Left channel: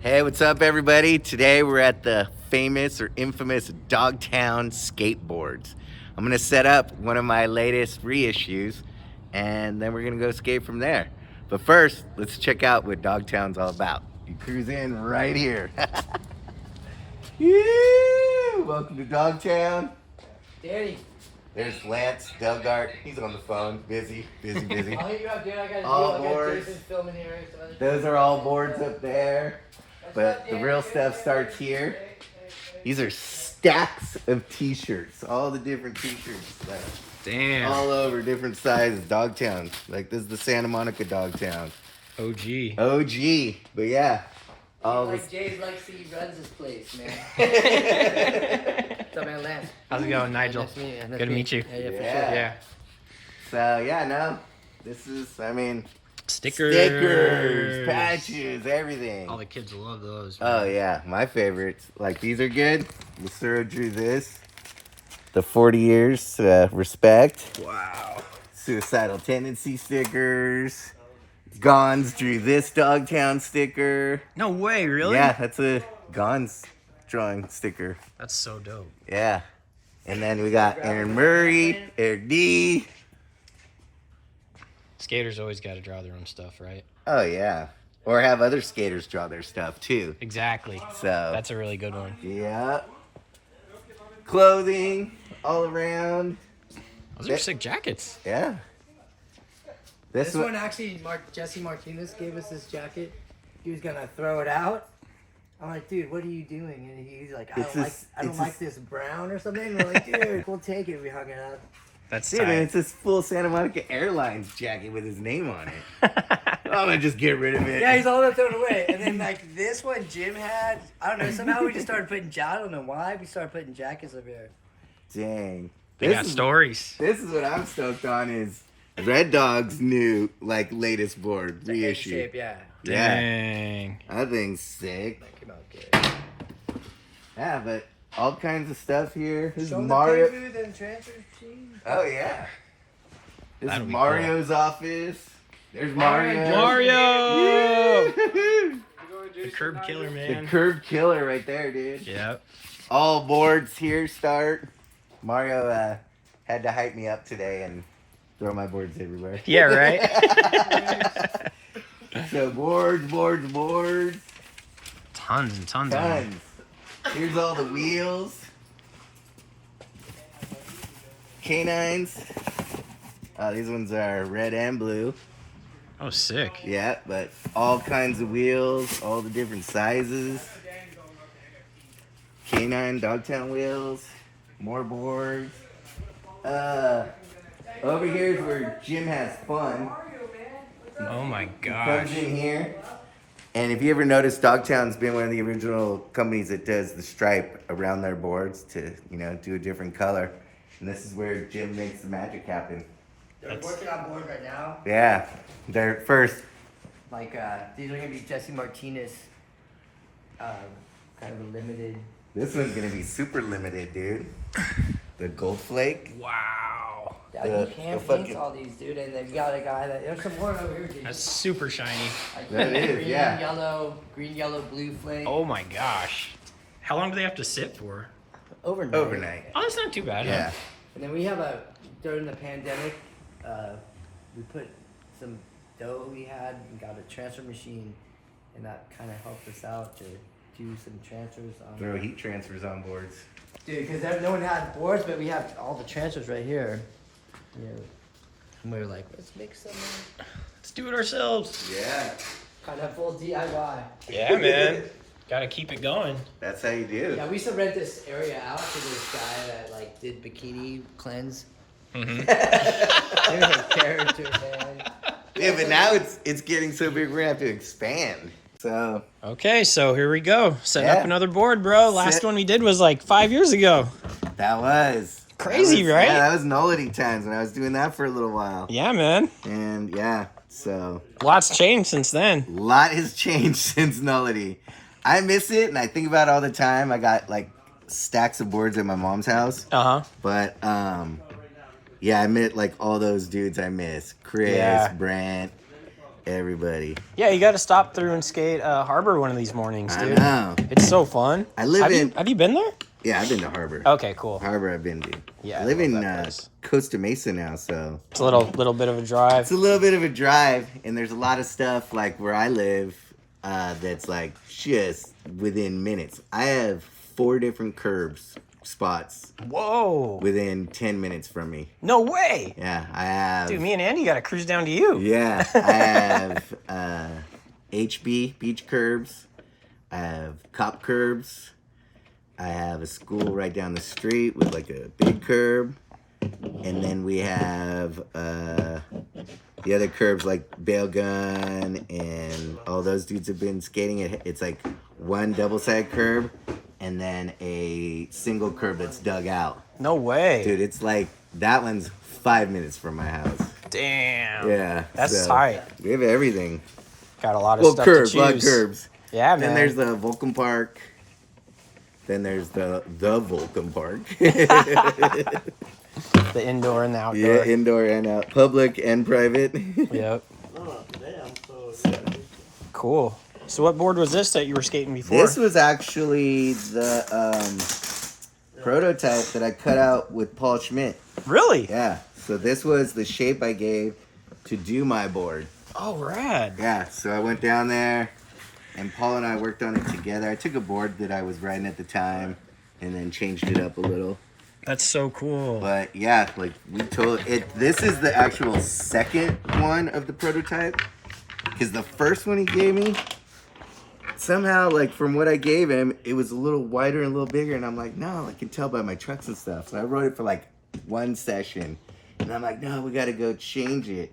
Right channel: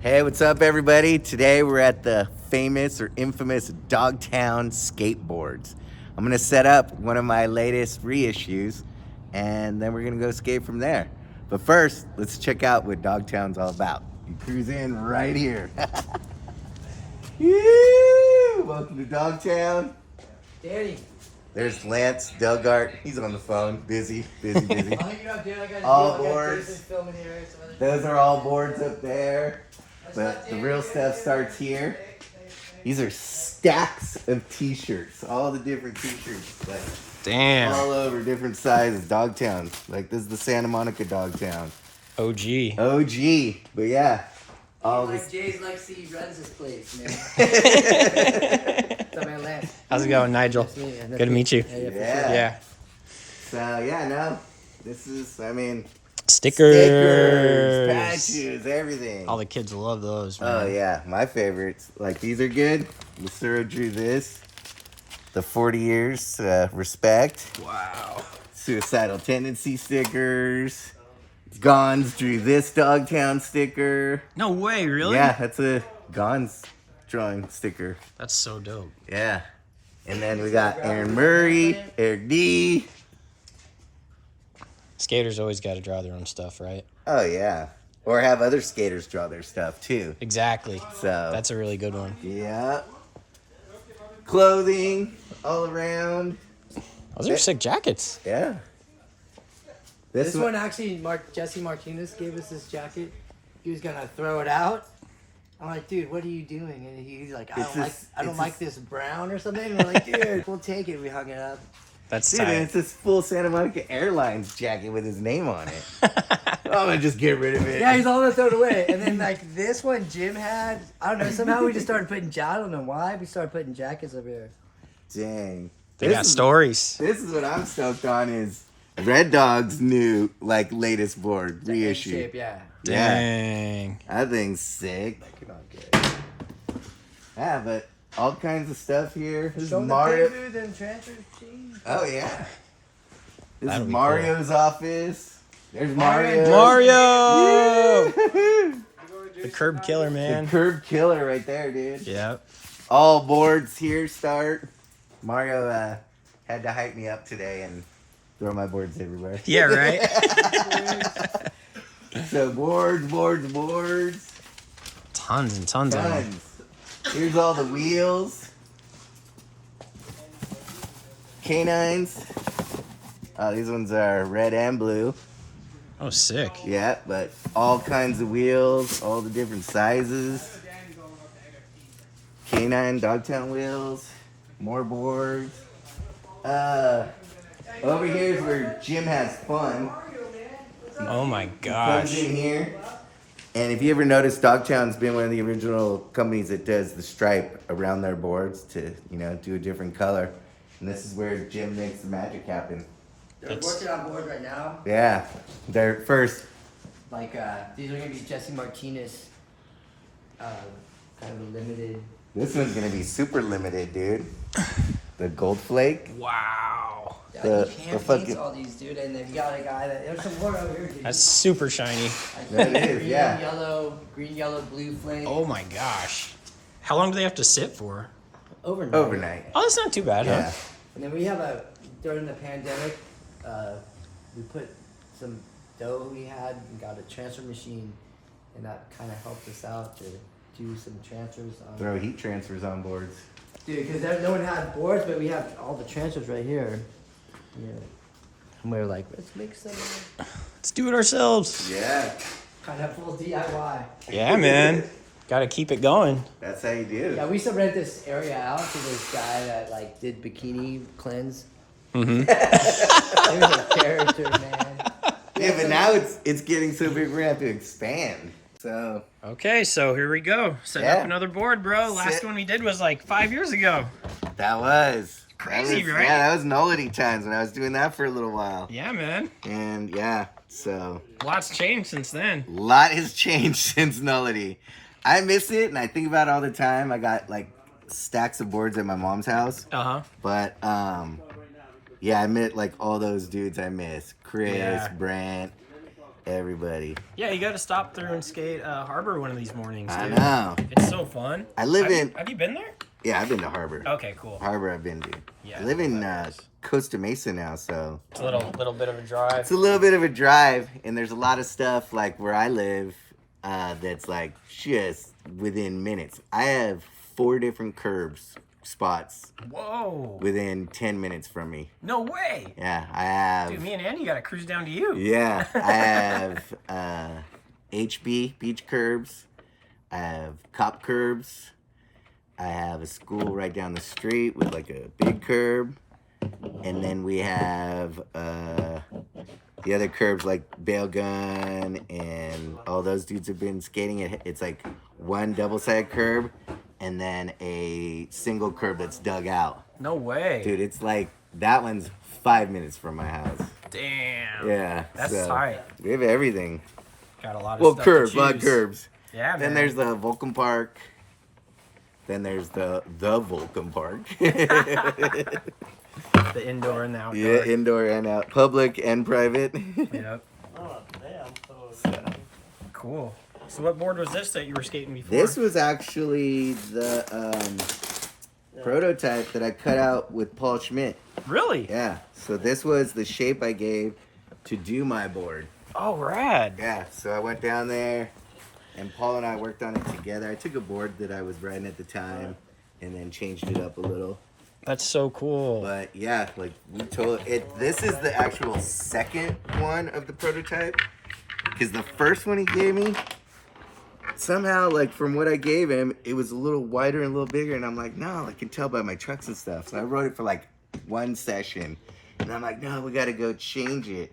Hey, what's up, everybody? Today we're at the famous or infamous Dogtown Skateboards. I'm gonna set up one of my latest reissues, and then we're gonna go skate from there. But first, let's check out what Dogtown's all about. You cruise in right here. Woo! Welcome to Dogtown. Danny. There's Lance Delgart. He's on the phone, busy. I All boards. Those are all boards up there. But the real stuff starts here. These are stacks of t-shirts. All the different t-shirts. Like, damn. all over different sizes. Dogtown. Like, this is the Santa Monica Dogtown. OG. OG. But yeah. All like this. Jay's like he runs this place, man. What's up, man, Lance? How's it going, Nigel? Nice to meet you. Good to meet you. Yeah, for Yeah. sure. Yeah. So yeah, no. This is, I mean, Stickers. patches, everything. All the kids love those, man. Oh yeah, my favorites. Like, these are good. Lucero drew this. The 40 years respect. Wow. Suicidal tendency stickers. Gons drew this Dogtown sticker. No way, really? Yeah, that's a Gons drawing sticker. That's so dope. Yeah. And then we got Aaron Murray, Eric D. Skaters always got to draw their own stuff, right? Oh yeah. Or have other skaters draw their stuff too. Exactly. So That's a really good one. yeah. Clothing all around. Those are sick jackets. Yeah. This one actually, Jesse Martinez gave us this jacket. He was gonna throw it out. I'm like, dude, what are you doing? And he's like, I don't like this brown or something. And we're like, dude, we'll take it. We hung it up. That's Dude, tight. it's this full Santa Monica Airlines jacket with his name on it. I'm gonna just get rid of it. Yeah, he's all gonna throw it away. And then like this one Jim had, I don't know, somehow we just started putting, I don't know why, we started putting jackets over here. Dang. They got stories. This is what I'm stoked on is Red Dog's new, like, latest board, reissue. Shape, yeah. Yeah. Dang. That thing's sick. Yeah, but all kinds of stuff here. This is Mario. Oh, yeah. This That'll is be Mario's office. There's Mario. Mario! The The curb killer, man. curb killer right there, dude. Yep. All boards here start. Mario had to hype me up today and throw my boards everywhere. Yeah, right? So boards. Tons and tons of them. Tons. Here's all the wheels. Canines. These ones are red and blue. Oh, sick. Yeah, but all kinds of wheels, all the different sizes. Canine Dogtown wheels. More boards. Over here is where Jim has fun. Oh, my Comes gosh. in here. And if you ever notice, Dogtown's been one of the original companies that does the stripe around their boards to, you know, do a different color. And this is where Jim makes the magic happen. They're working on board right now. Yeah, they're first. Like, these are gonna be Jesse Martinez, kind of limited. This one's gonna be super limited, dude. The gold flake. Wow. Yeah, The- you the can't fucking- paint all these, dude. And then you got a guy that, there's some more over here, dude. That's super shiny. Like, That is, green, yeah. green, yellow, blue flake. Oh, my gosh. How long do they have to sit for? Overnight. Oh, that's not too bad, huh? Yeah. And then we have during the pandemic, we put some dough we had and got a transfer machine, and that kind of helped us out to do some transfers on. Throw heat transfers on boards. Dude, because no one had boards, but we have all the transfers right here. Yeah. And we were like, let's make some. Let's do it ourselves. Yeah. Kind of full DIY. Yeah, man. Gotta keep it going. That's how you do. Yeah, we used to rent this area out to this guy that like did bikini cleanse. Mm-hmm. There's a character, man. Yeah, but now it's getting so big we're gonna have to expand. So Okay, so here we go. Setting Yeah. up another board, bro. Last Sit. one we did was like 5 years ago. that was Crazy, right? Yeah, that was nullity times when I was doing that for a little while. Yeah, man. And yeah, so Lots changed since then. a lot has changed since nullity. I miss it and I think about it all the time. I got like stacks of boards at my mom's house. Uh-huh. But yeah, I met like all those dudes I miss. Chris, Yeah. Brent, everybody. Yeah, you got to stop through and skate Harbor one of these mornings, I dude. know. It's so fun. I live in. Have you been there? Yeah, I've been to Harbor. Okay, cool. Harbor, I've been to. Yeah, I live I in love that place. Costa Mesa now, so It's a little bit of a drive. it's a little bit of a drive, and there's a lot of stuff like where I live that's like just within minutes. I have 4 different curbs spots Whoa. within 10 minutes from me. No way. Yeah, I have. Dude, me and Andy got to cruise down to you. Yeah, I have HB beach curbs. I have cop curbs. I have a school right down the street with like a big curb. And then we have the other curbs like Bail Gun and all those dudes have been skating. It's like one double-sided curb and then a single curb that's dug out. No way. Dude, it's like, that one's 5 minutes from my house. Damn. Yeah. That's tight. We have everything. Got a lot of stuff Curbs, to a lot of choose. curbs. Yeah, man. Then there's the Vulcan Park. Then there's the Vulcan Park. the indoor and the outdoor. Yeah, indoor and out, public and private. Yep. Oh, damn. So, Cool. So what board was this that you were skating before? this was actually the prototype that I cut out with Paul Schmidt. Really? Yeah. So this was the shape I gave to do my board. Oh, rad. Yeah. So I went down there, and Paul and I worked on it together. I took a board that I was riding at the time, and then changed it up a little. That's so cool. But yeah, like we told it. This is the actual second one of the prototype, because the first one he gave me, somehow, like from what I gave him, it was a little wider and a little bigger, and I'm like, no, I can tell by my trucks and stuff. So I wrote it for like one session, and I'm like, no, we got to go change it.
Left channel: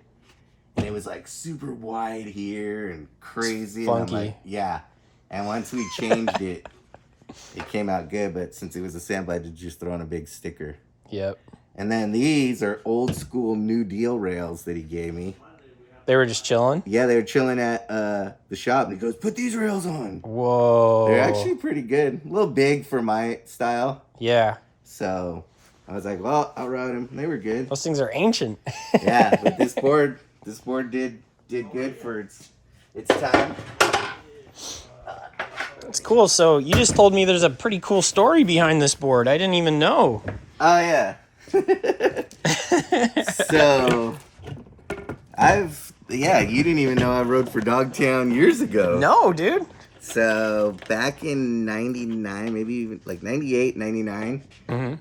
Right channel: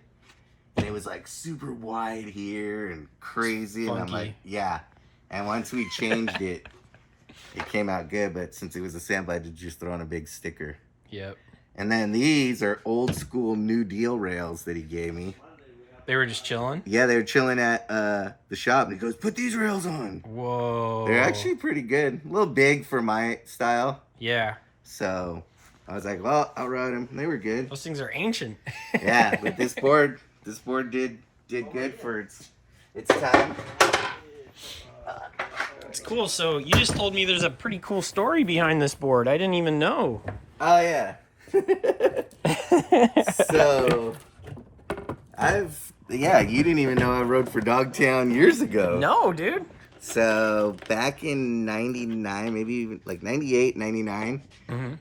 And it was like super wide here and crazy, and I'm Funky. like, yeah. And once we changed it, it came out good. But since it was a sample, I had to just throw on a big sticker. Yep. And then these are old school New Deal rails that he gave me. They were just chilling? Yeah, they were chilling at the shop, and he goes, put these rails on. Whoa. They're actually pretty good. A little big for my style. Yeah. So I was like, well, I'll ride them. They were good. Those things are ancient. Yeah, but this board did good for its time. It's cool. So you just told me there's a pretty cool story behind this board. I didn't even know. Oh, yeah. So you didn't even know I rode for Dogtown years ago. No, dude. So back in 99, maybe even like 98, 99,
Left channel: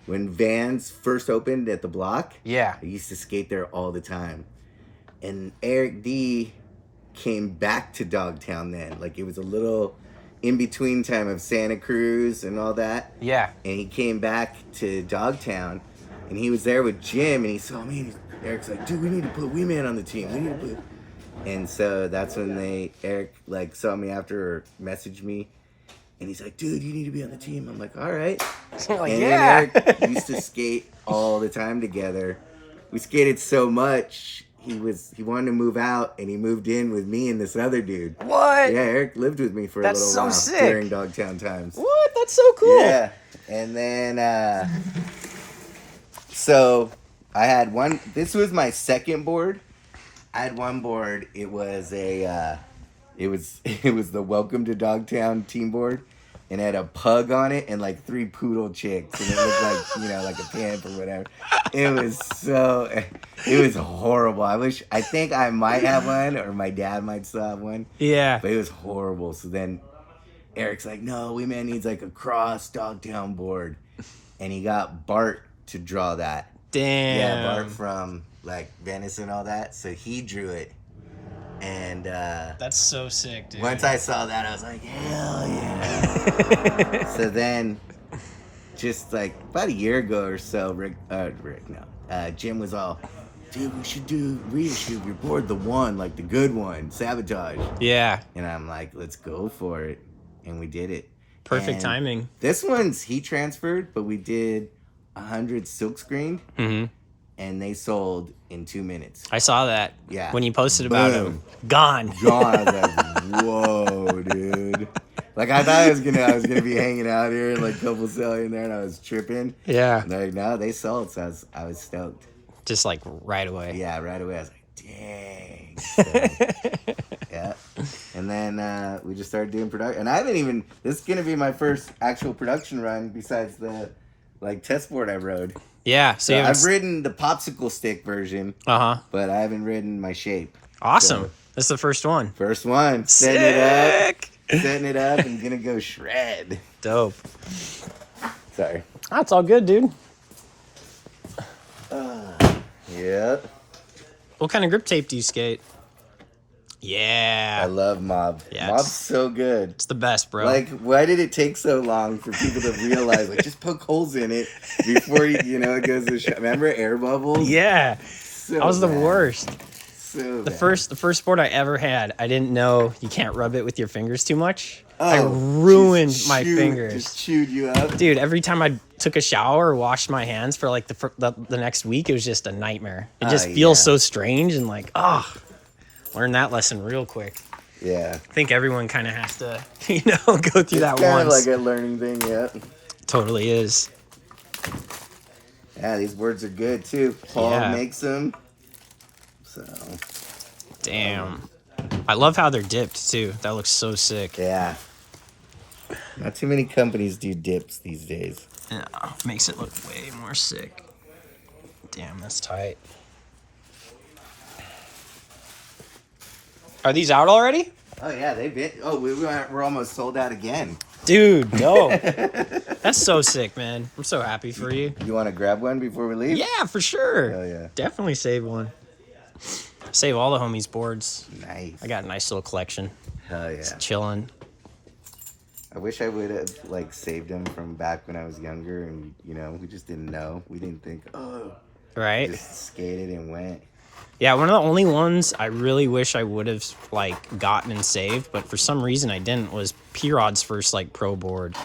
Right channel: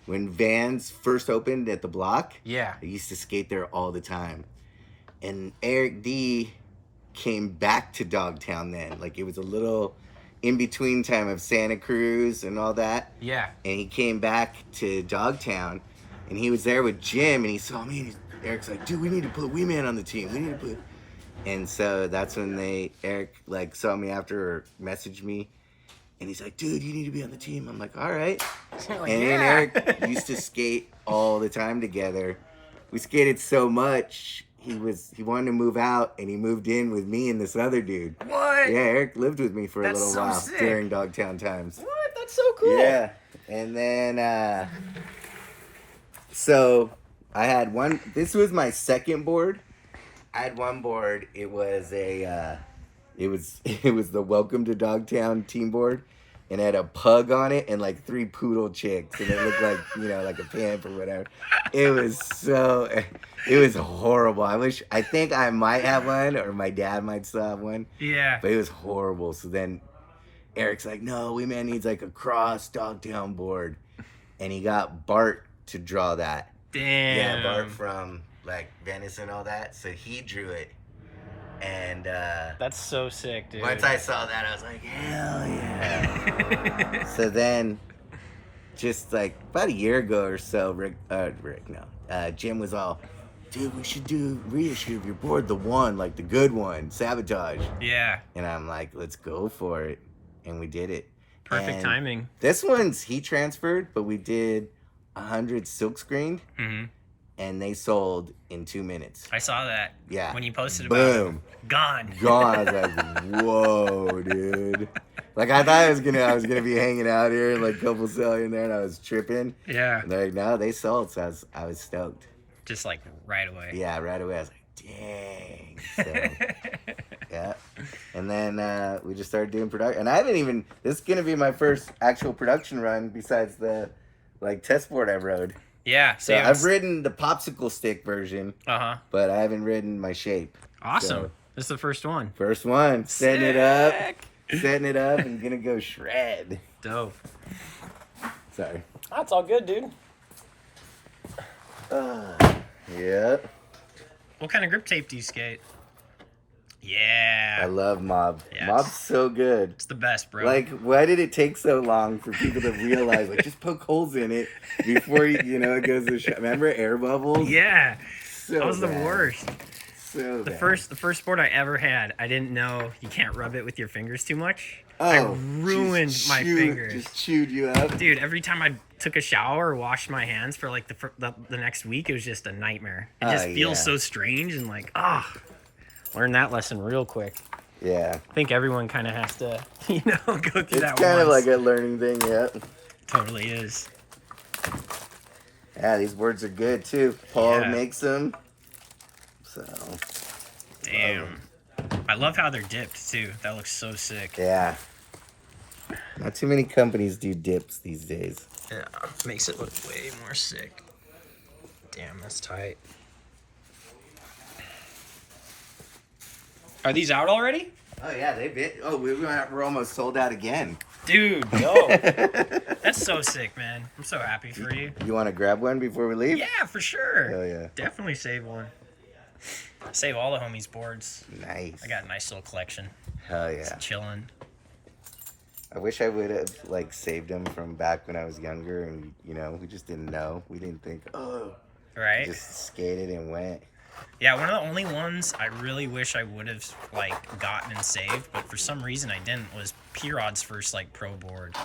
when Vans first opened at the block, Yeah. I used to skate there all the time. And Eric D came back to Dogtown then. Like it was a little in-between time of Santa Cruz and all that. Yeah. And he came back to Dogtown, and he was there with Jim, and he saw me, and Eric's like, dude, we need to put WEEMAN on the team. We need to put... And so that's when Eric like saw me after or messaged me, and he's like, dude, you need to be on the team. I'm like, all right. Like, And yeah. then Eric used to skate all the time together. We skated so much, he wanted to move out, and he moved in with me and this other dude. What? Yeah, Eric lived with me for That's a little so while sick. during Dogtown times. What? That's so cool. Yeah. And then so I had one, this was my second board. I had one board, it was it was the Welcome to Dogtown team board, and it had a pug on it and like 3 poodle chicks, and it looked like, like a pimp or whatever. It was horrible. I think I might have one, or my dad might still have one, Yeah. but it was horrible. So then Eric's like, no, WEEMAN needs like a cross Dogtown board, and he got Bart to draw that. Damn. Yeah, Bart from like Venice and all that. So he drew it. And That's so sick, dude. once I saw that, I was like, hell yeah. So then, just like about a year ago or so, Jim was all, dude, we should do reissue of your board, the one, like the good one, Sabotage. Yeah. And I'm like, let's go for it. And we did it. Perfect And timing. This one's he transferred, but we did 100 silk screened, and they sold in 2 minutes. I saw that. Yeah. When you posted about it. Boom. Gone. Gone. I was like, whoa, dude. Like I thought I was gonna be hanging out here and like a couple selling there, and I was tripping. Yeah. And they're like, no, they sold, so I was stoked. Just like right away. Yeah, right away. I was like, dang. So, And then we just started doing production. And I haven't even, this is going to be my first actual production run besides the like test board I rode. Yeah. So I've ridden the popsicle stick version, but I haven't ridden my shape. Awesome. So, this is the first one. First one. Setting it up and gonna go shred. Dope. Sorry. That's all good, dude. Yeah. What kind of grip tape do you skate? Yeah. I love Mob. Yes. Mob's so good. It's the best, bro. Like, why did it take so long for people to realize, like, just poke holes in it before, it goes to shot? Remember air bubbles? Yeah. So that was the bad. worst. So The bad. first board I ever had, I didn't know you can't rub it with your fingers too much. Oh, I ruined my fingers. Just chewed you up. Dude, every time I took a shower or washed my hands for like the next week, it was just a nightmare. It just feels so strange and like, learn that lesson real quick. Yeah. I think everyone kind of has to, go through that It's kind of once. like a learning thing, yeah. Totally is. Yeah, these boards are good too. Paul Yeah. makes them. So. Damn. I love how they're dipped too. That looks so sick. Yeah. Not too many companies do dips these days. Yeah, makes it look way more sick. Damn, that's tight. Are these out already? Oh yeah, they've been. Oh, we're almost sold out again. Dude, no. That's so sick, man. I'm so happy for you. You want to grab one before we leave? Yeah, for sure. Hell yeah. Definitely save one. Save all the homies' boards. Nice. I got a nice little collection. Hell yeah. Just chilling. I wish I would have like saved them from back when I was younger, and we just didn't know. We didn't think, Right? just skated and went. Yeah, one of the only ones I really wish I would have like gotten and saved, but for some reason I didn't, was P-Rod's first like pro board.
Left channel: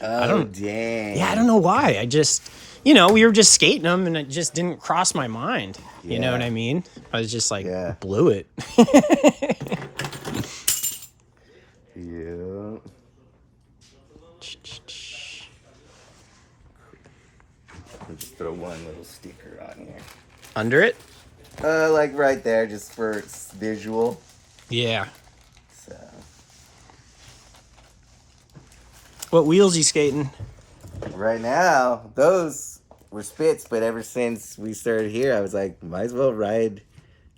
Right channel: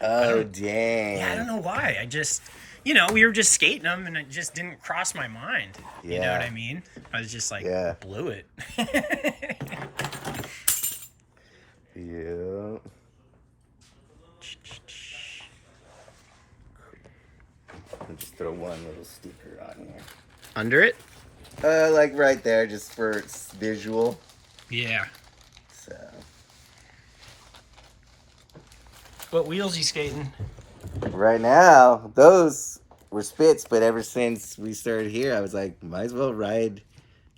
Oh dang. Yeah, I don't know why. I just, we were just skating them and it just didn't cross my mind. You know what I mean? I was just like, blew it. Yeah. I'll just throw one little sticker on here. Under it? Like right there, just for visual. Yeah. So. What wheels you skating? Right now, those were spits, but ever since we started here, I was like, might as well ride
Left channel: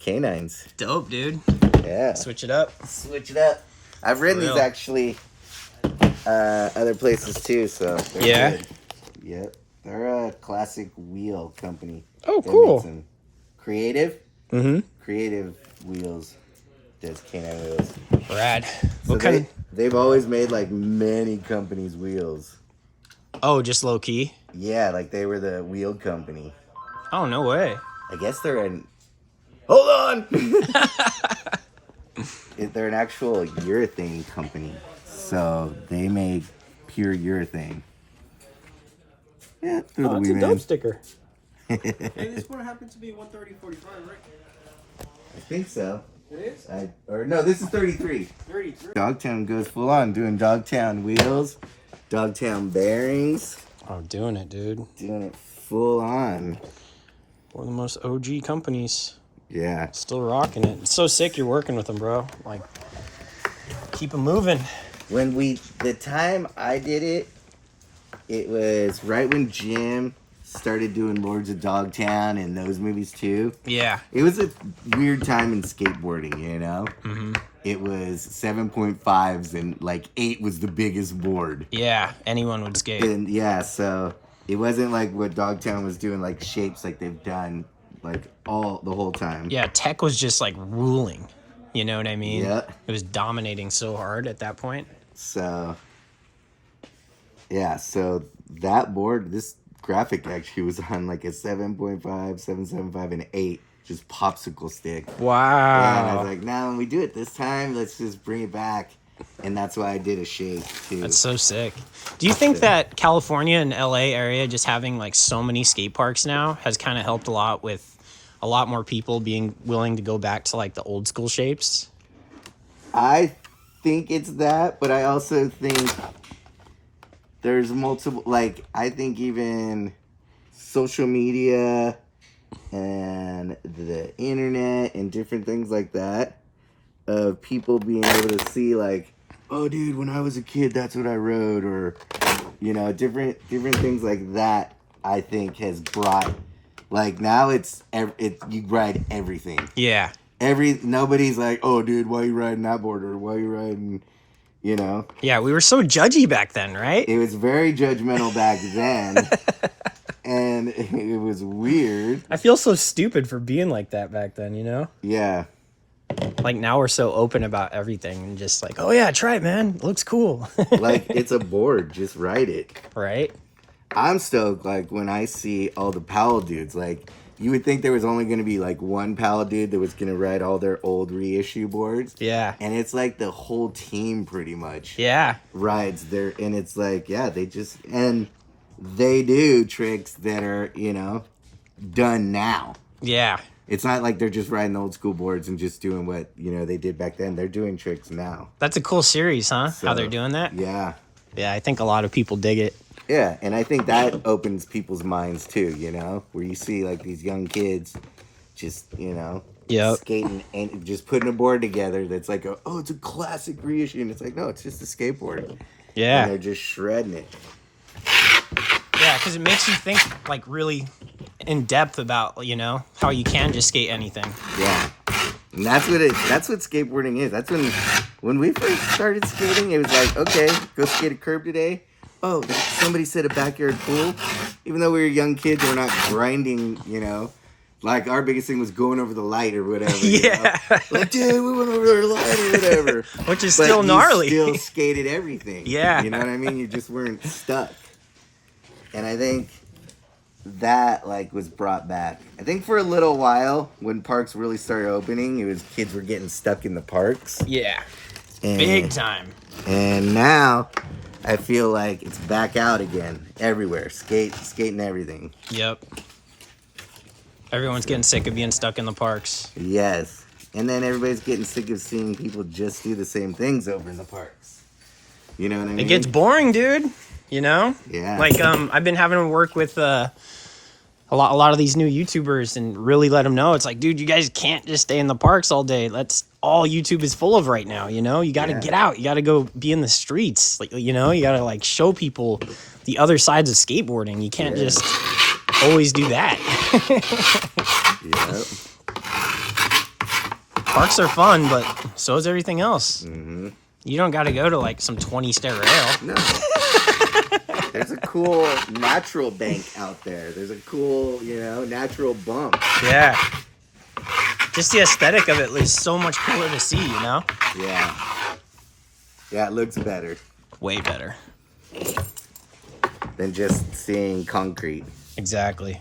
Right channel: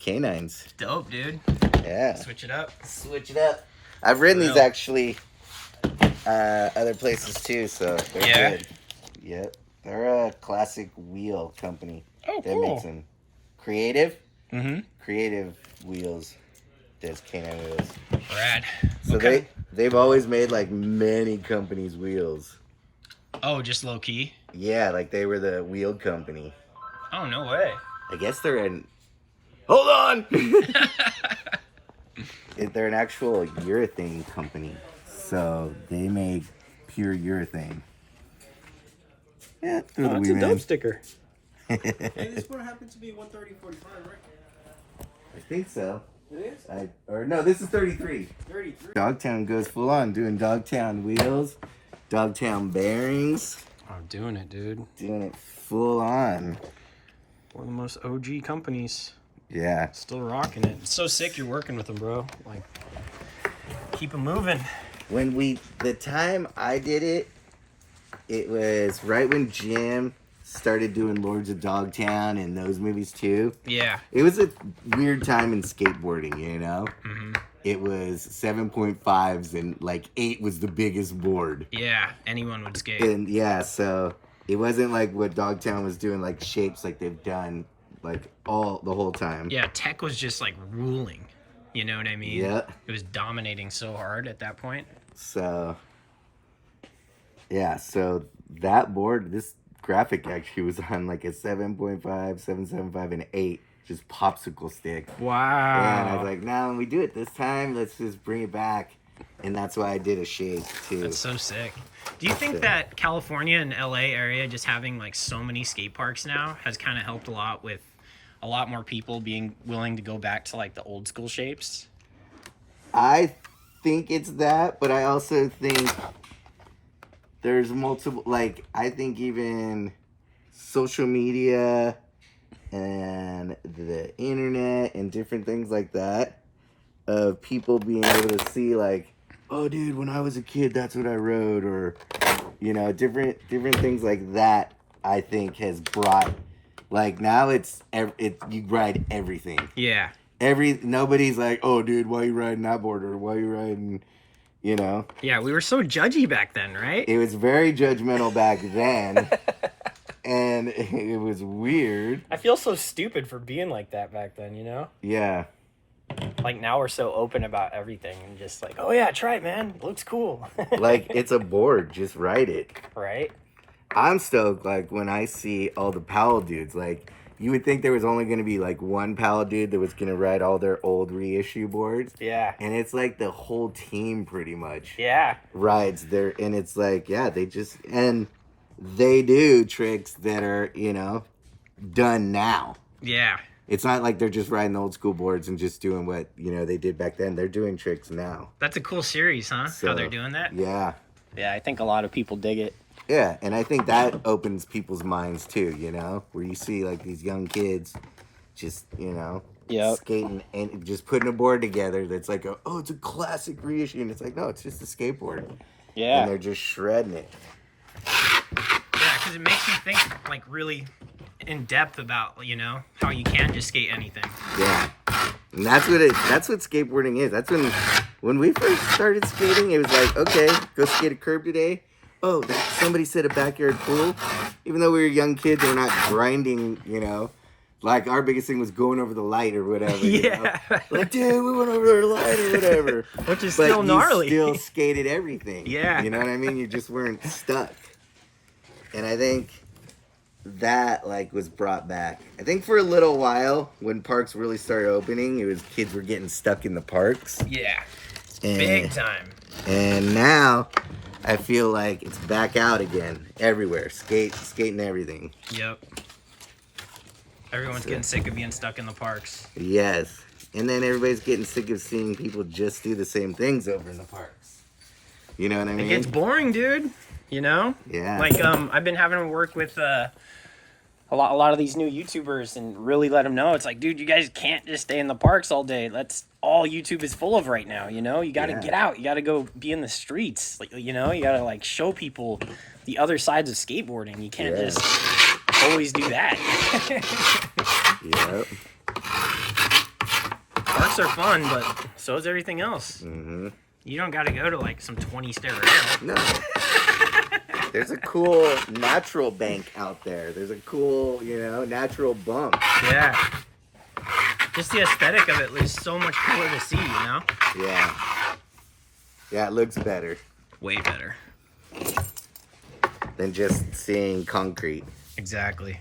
canines. Dope, dude. Yeah. Switch it up. Switch it up. I've ridden these Real. actually other places too, so they're good. Yep. They're a classic wheel company. Oh, that cool. makes them. Creative? Mm-hmm. Creative Wheels does canine wheels. Rad. So they've always made like many companies' wheels. Oh, just low key? Yeah, like they were the wheel company. Oh, no way. I guess they're an... Hold on! They're an actual urethane company. So they make pure urethane. Yeah, through the WEEMAN'S. sticker. Hey, this one happens to be 130/45, right? I think so. It is? No, this is 33. 33. Dogtown goes full on, doing Dogtown wheels, Dogtown bearings, I'm doing it, dude. doing it full on. One of the most OG companies. Yeah. Still rocking it. It's so sick you're working with them, bro. Like, keep them moving. The time I did it, it was right when Jim started doing Lords of Dogtown and those movies too. Yeah. It was a weird time in skateboarding, Mm-hmm. It was 7.5s and like 8 was the biggest board. Yeah, anyone would skate. And yeah, so it wasn't like what Dogtown was doing, like shapes like they've done like the whole time. Yeah, tech was just like ruling. You know what I mean? Yeah. It was dominating so hard at that point. So yeah, so that board, this graphic actually was on like a 7.5, 7.75, and 8, just popsicle stick. Wow. And I was like, now when we do it this time, let's just bring it back. And that's why I did a shake too. That's so sick. Do you think that California and LA area just having like so many skate parks now has kind of helped a lot with a lot more people being willing to go back to like the old school shapes? I think it's that, but I also think there's multiple, like, I think even social media and the internet and different things like that of people being able to see like, oh, dude, when I was a kid, that's what I rode, or you know, different things like that. I think has brought like now you ride everything. Yeah. Nobody's like, oh, dude, why you riding that board, or why you riding, you know? Yeah, we were so judgy back then, right? It was very judgmental back then, and it was weird. I feel so stupid for being like that back then, you know? Yeah. Like now we're so open about everything and just like, oh yeah, try it, man. It looks cool. Like it's a board, just ride it. Right? I'm stoked, like, when I see all the Powell dudes, like, you would think there was only going to be, like, one Powell dude that was going to ride all their old reissue boards. Yeah. And it's, like, the whole team, pretty much. Yeah. Rides there, and it's, like, yeah, they do tricks that are, you know, done now. Yeah. It's not like they're just riding the old school boards and just doing what, you know, they did back then. They're doing tricks now. That's a cool series, huh? So, how they're doing that? Yeah. Yeah, I think a lot of people dig it. Yeah, and I think that opens people's minds too, you know, where you see like these young kids just, you know, skating and just putting a board together that's like, it's a classic reissue. And it's like, no, it's just a skateboard. Yeah. And they're just shredding it. Yeah, because it makes you think like really in depth about, you know, how you can just skate anything. Yeah. And that's what skateboarding is. That's when we first started skating, it was like, okay, go skate a curb today. Oh, somebody set a backyard pool. Even though we were young kids, we're not grinding, you know. Like, our biggest thing was going over the light or whatever. Yeah. You know? Like, dude, we went over the light or whatever. Which is still gnarly. You still skated everything. Yeah. You know what I mean? You just weren't stuck. And I think that, like, was brought back. I think for a little while, when parks really started opening, it was kids were getting stuck in the parks. Yeah. And, Big time. And now I feel like it's back out again everywhere. Skating everything. Yep. Everyone's getting sick of being stuck in the parks. Yes. And then everybody's getting sick of seeing people just do the same things over in the parks. You know what I mean? It gets boring, dude. You know? Yeah. Like, I've been having to work with a lot of these new YouTubers and really let them know. It's like, dude, you guys can't just stay in the parks all day. That's all YouTube is full of right now, you know? You got to get out. You got to go be in the streets. Like, you know, you got to, like, show people the other sides of skateboarding. You can't just always do that. Yep. Parks are fun, but so is everything else. Mm-hmm. You don't got to go to, like, some 20-stair rail. No. There's a cool natural bank out there. There's a cool, you know, natural bump. Yeah. Just the aesthetic of it is so much cooler to see, you know? Yeah. Yeah, it looks better Way better. than just seeing concrete. Exactly.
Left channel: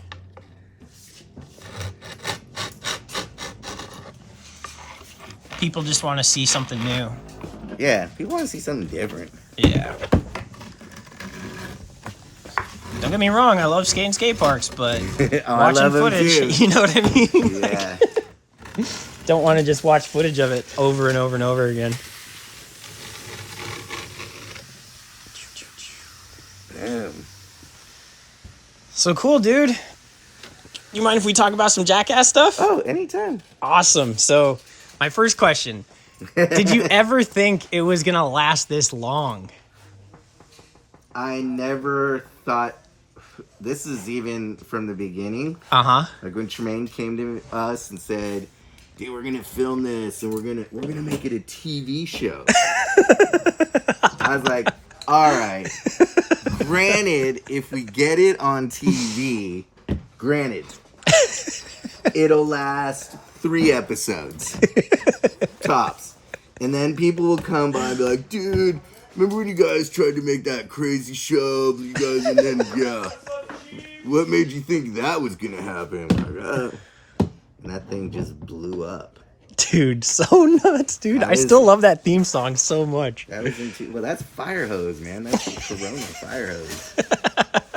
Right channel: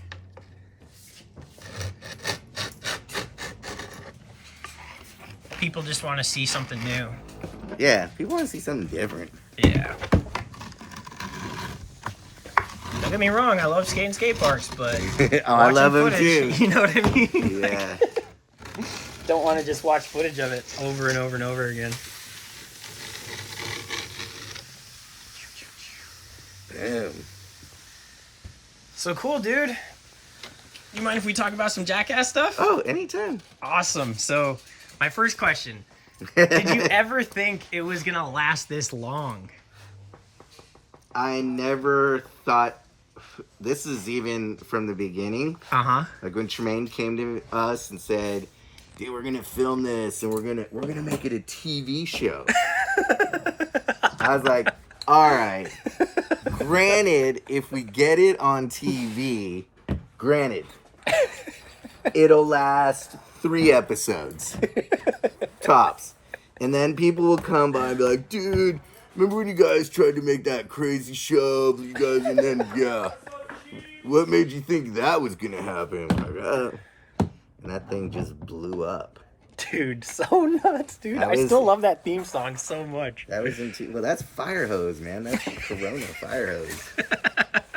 People just want to see something new. Yeah, people want to see something different. Yeah. Don't get me wrong, I love skating skate parks, but I love them too. You know what I mean? Yeah. Don't want to just watch footage of it over and over and over again. Damn. So cool, dude. You mind if we talk about some Jackass stuff? Oh, anytime. Awesome. So, my first question. Did you ever think it was going to last this long? I never thought, this is even from the beginning. Uh-huh. Like when Tremaine came to us and said, dude, we're gonna film this and we're gonna make it a TV show. I was like, all right. Granted, if we get it on TV, it'll last 3 episodes. Tops. And then people will come by and be like, dude, remember when you guys tried to make that crazy show? You guys, and then, what made you think that was gonna happen? Like, and that thing just blew up. Dude, so nuts, dude. I still love that theme song so much. That was that's Fire Hose, man. That's Corona Fire Hose.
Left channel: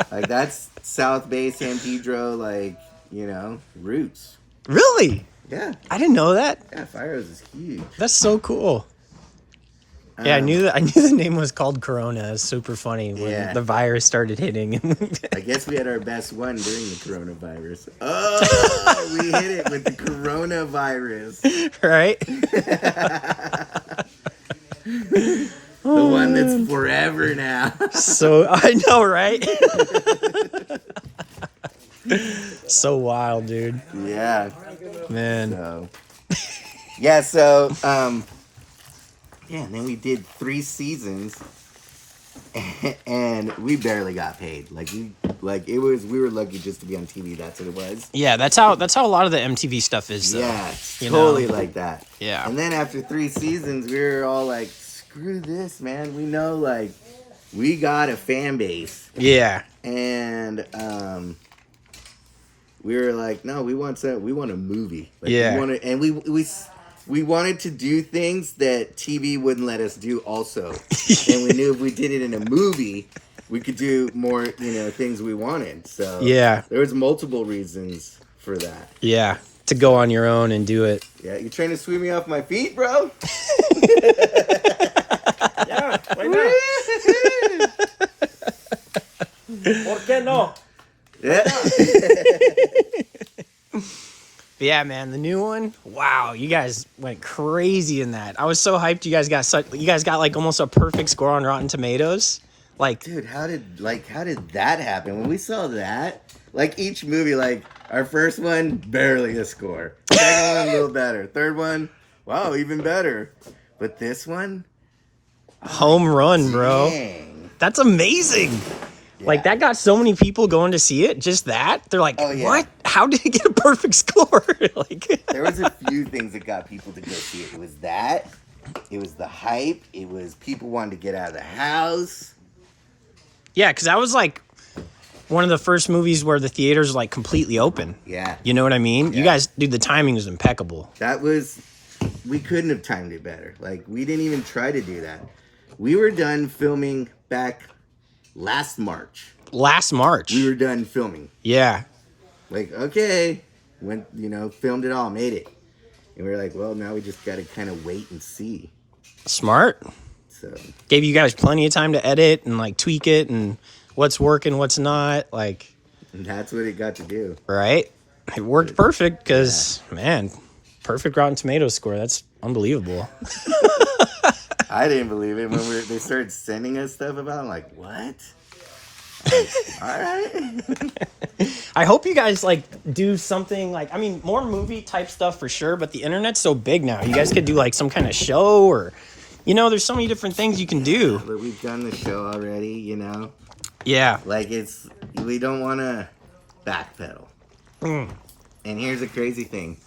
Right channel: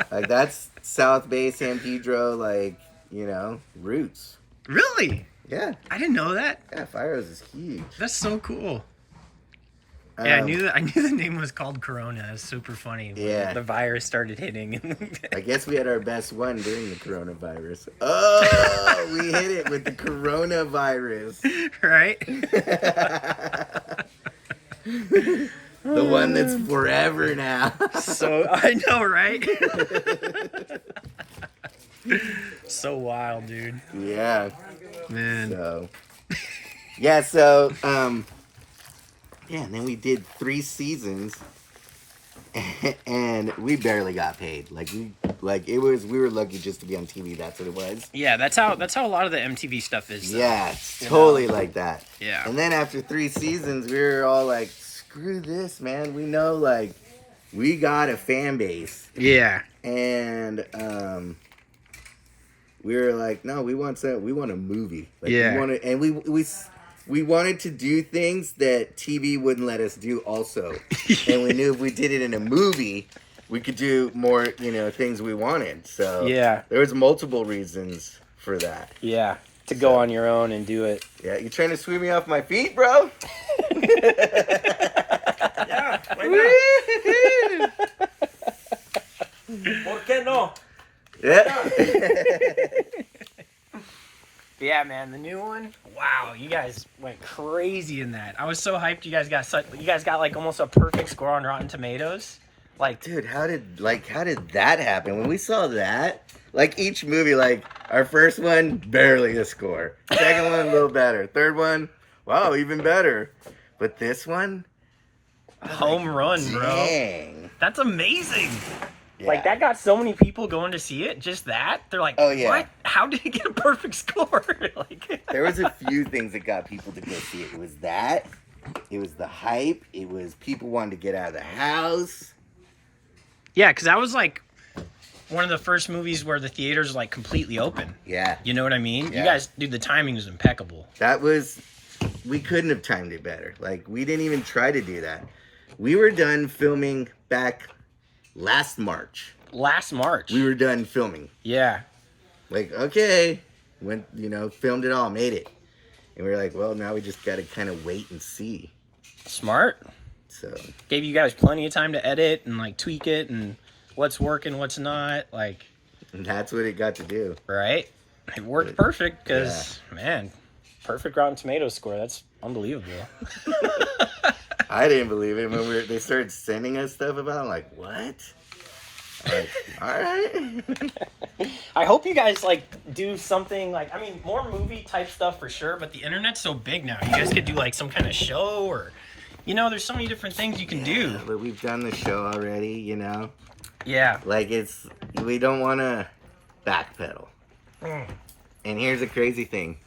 Like, that's South Bay, San Pedro, like, you know, roots. Really? Yeah. I didn't know that. Yeah, Fire Hose is huge. That's so cool. Yeah, I knew the name was called Corona. It's super funny when Yeah. the virus started hitting. I guess we had our best one during the coronavirus. Oh, we hit it with the coronavirus. Right? The one that's forever now. So I know, right? So wild, dude. Yeah. Man. So. Yeah. So. Yeah. And then we did 3 seasons, and we barely got paid. We were lucky just to be on TV. That's what it was. Yeah, that's how a lot of the MTV stuff is. Though. Yeah, it's totally like that. Yeah. And then after 3 seasons, we were all like, screw this, man. We know, like, we got a fan base. Yeah. And we were like, no, we want a movie. Like, Yeah. We wanted to do things that TV wouldn't let us do also. And we knew if we did it in a movie, we could do more, things we wanted. So Yeah. there was multiple reasons for that. Yeah. To go on your own and do it. Yeah, you trying to sweep me off my feet, bro? Yeah, why not? ¿Por qué no? Yeah. Yeah, man, the new one. Wow, you guys went crazy in that. I was so hyped. You guys got like almost a perfect score on Rotten Tomatoes. Like, Dude, how did that happen? When we saw that, like each movie, like our first one, barely a score. Second one, a little better. Third one, wow, even better. But this one, home run, bro. dang. That's amazing. Yeah. Like, that got so many people going to see it. Just that. They're like, Oh, yeah. what? How did it get a perfect score? Like, There was a few things that got people to go see it. It was that. It was the hype. It was people wanting to get out of the house. yeah, because that was like one of the first movies where the theaters were like completely open. Yeah. You know what I mean? Yeah. You guys, dude, the timing was impeccable. We couldn't have timed it better. Like, we didn't even try to do that. We were done filming back last March. Last March. We were done filming. Yeah. Like, okay, went, filmed it all, made it. And we were like, well, now we just got to kind of wait and see. Smart. So, Gave you guys plenty of time to edit and like tweak it and what's working, what's not. Like, and that's what it got to do. right? It worked perfect because, man, perfect Rotten Tomatoes score. That's unbelievable. I didn't believe it when they started sending us stuff about it. I'm like, what? I'm like, all right. I hope you guys like do something like, I mean, more movie type stuff for sure, but the internet's so big now. You guys could do like some kind of show or, there's so many different things you can do. But we've done the show already, Yeah. Like, we don't want to backpedal. Mm. And here's the crazy thing.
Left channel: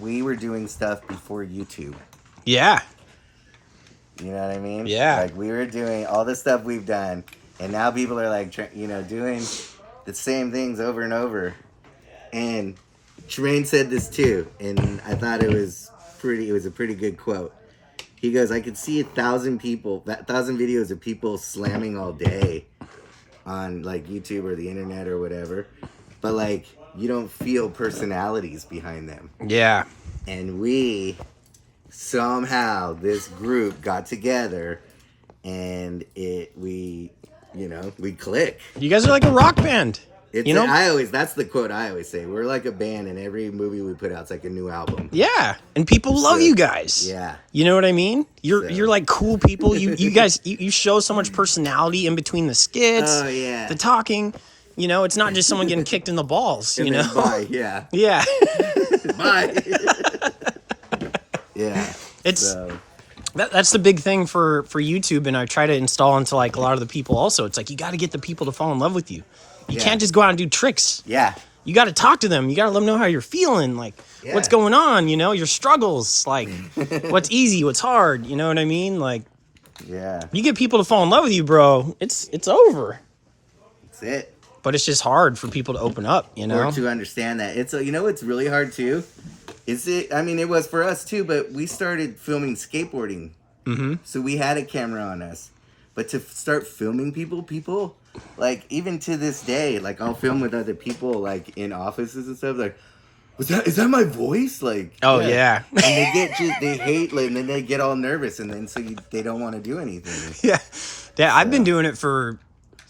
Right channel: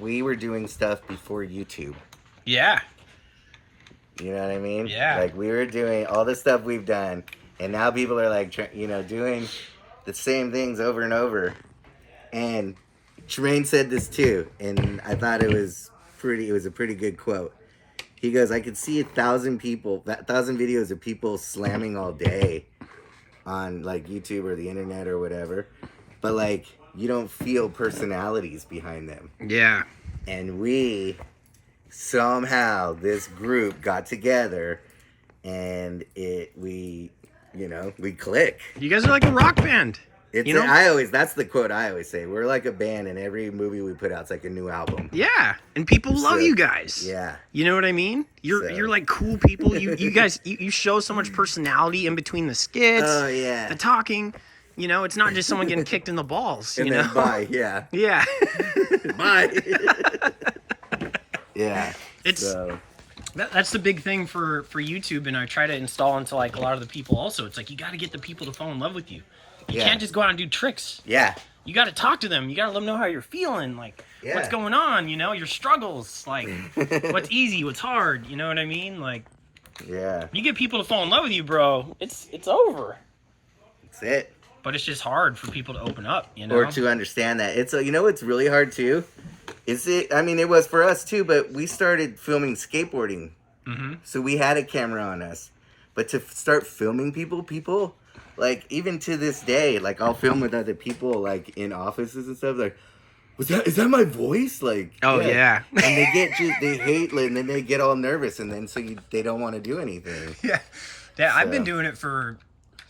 We were doing stuff before YouTube. Yeah. You know what I mean? Yeah. Like, we were doing all the stuff we've done, and now people are like, doing the same things over and over. And Tremaine said this too, and I thought it was a pretty good quote. He goes, I could see 1,000 videos of people slamming all day on like YouTube or the internet or whatever, but like, you don't feel personalities behind them. Yeah. And somehow this group got together and we click. You guys are like a rock band. That's the quote I always say. We're like a band, and every movie we put out, it's like a new album. Yeah. And people love you guys. Yeah. You know what I mean? You're like cool people. You guys, you show so much personality in between the skits. Oh, yeah. The talking. It's not just someone getting kicked in the balls. And then bye, yeah. Yeah. Bye. Yeah. That's the big thing for YouTube, and I try to install into like a lot of the people also. It's like, you got to get the people to fall in love with you. You can't just go out and do tricks. Yeah. You got to talk to them. You got to let them know how you're feeling, like what's going on, your struggles, like what's easy, what's hard. You know what I mean? Like, yeah. you get people to fall in love with you, bro. It's over. That's it. But it's just hard for people to open up, Or to understand that. It's what's really hard too. It was for us too, but we started filming skateboarding. Mm-hmm. So we had a camera on us. But to start filming people, like, even to this day, like, I'll film with other people, like, in offices and stuff, like, is that my voice? Like, Oh, yeah. And they they hate, and then they get all nervous, and then they don't want to do anything. Yeah. Yeah, I've been So. doing it for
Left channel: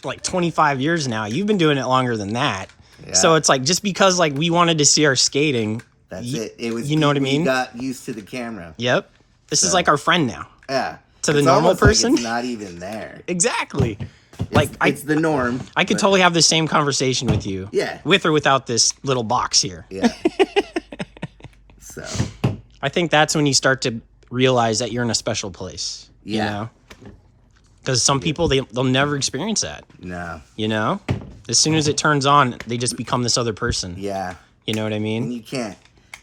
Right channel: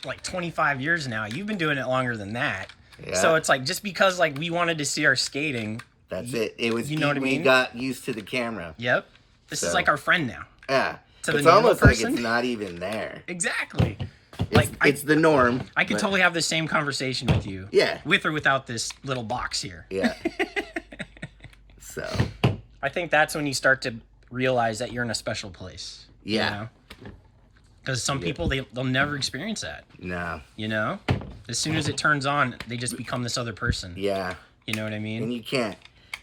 like 25 years now. You've been doing it longer than that. Yeah. So it's like, just because like we wanted to see our skating. That's it. It was, you know what I mean? We got used to the camera. Yep. This is like our friend now. Yeah. To the it's normal almost person. like it's not even there. Exactly. Like It's the norm. I could totally have the same conversation with you. Yeah. With or without this little box here. Yeah. So. I think that's when you start to realize that you're in a special place. Yeah. Because some people, they'll never experience that. No. You know? As soon as it turns on, they just become this other person. Yeah. You know what I mean? And you can't.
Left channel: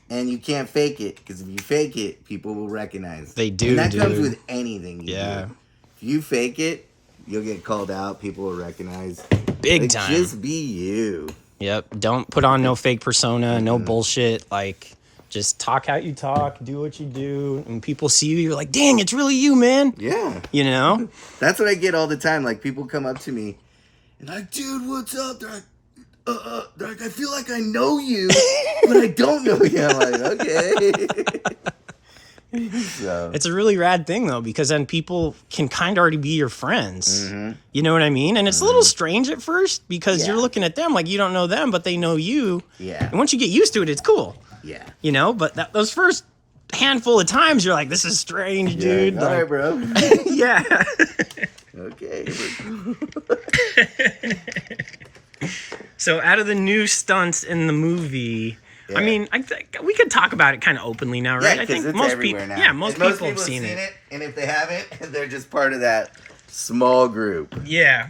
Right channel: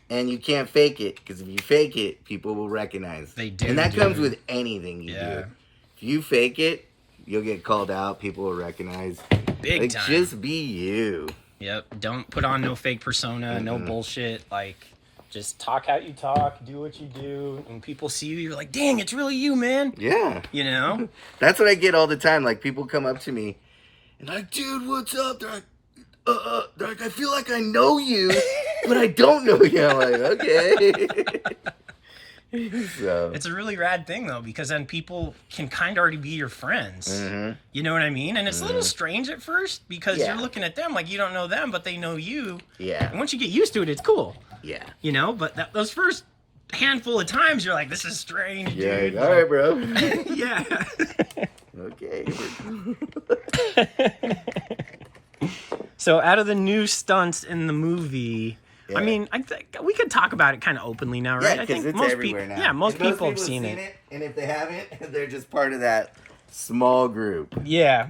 And you can't fake it, because if you fake it, people will recognize. They do, And that comes dude. with anything you Yeah. do. If you fake it, you'll get called out. People will recognize. Big time. Just be you. Yep. Don't put on no fake persona, no bullshit. Like, just talk how you talk, do what you do. And people see you, you're like, dang, it's really you, man. Yeah. You know? That's what I get all the time. Like, people come up to me and like, dude, what's up? They're like, I feel like I know you, but I don't know you. I'm like, okay. So. It's a really rad thing, though, because then people can kind of already be your friends. You know what I mean? And it's a little strange at first, because you're looking at them like you don't know them, but they know you. Yeah. And once you get used to it, it's cool. Yeah. You know? But those first handful of times, you're like, this is strange, dude. All right, bro. Yeah. Okay. So out of the new stunts in the movie, I mean, I think we could talk about it kind of openly now, right? Yeah, I think it's most everywhere people, now. yeah, most And people have seen it. And if they haven't, they're just part of that small group. Yeah.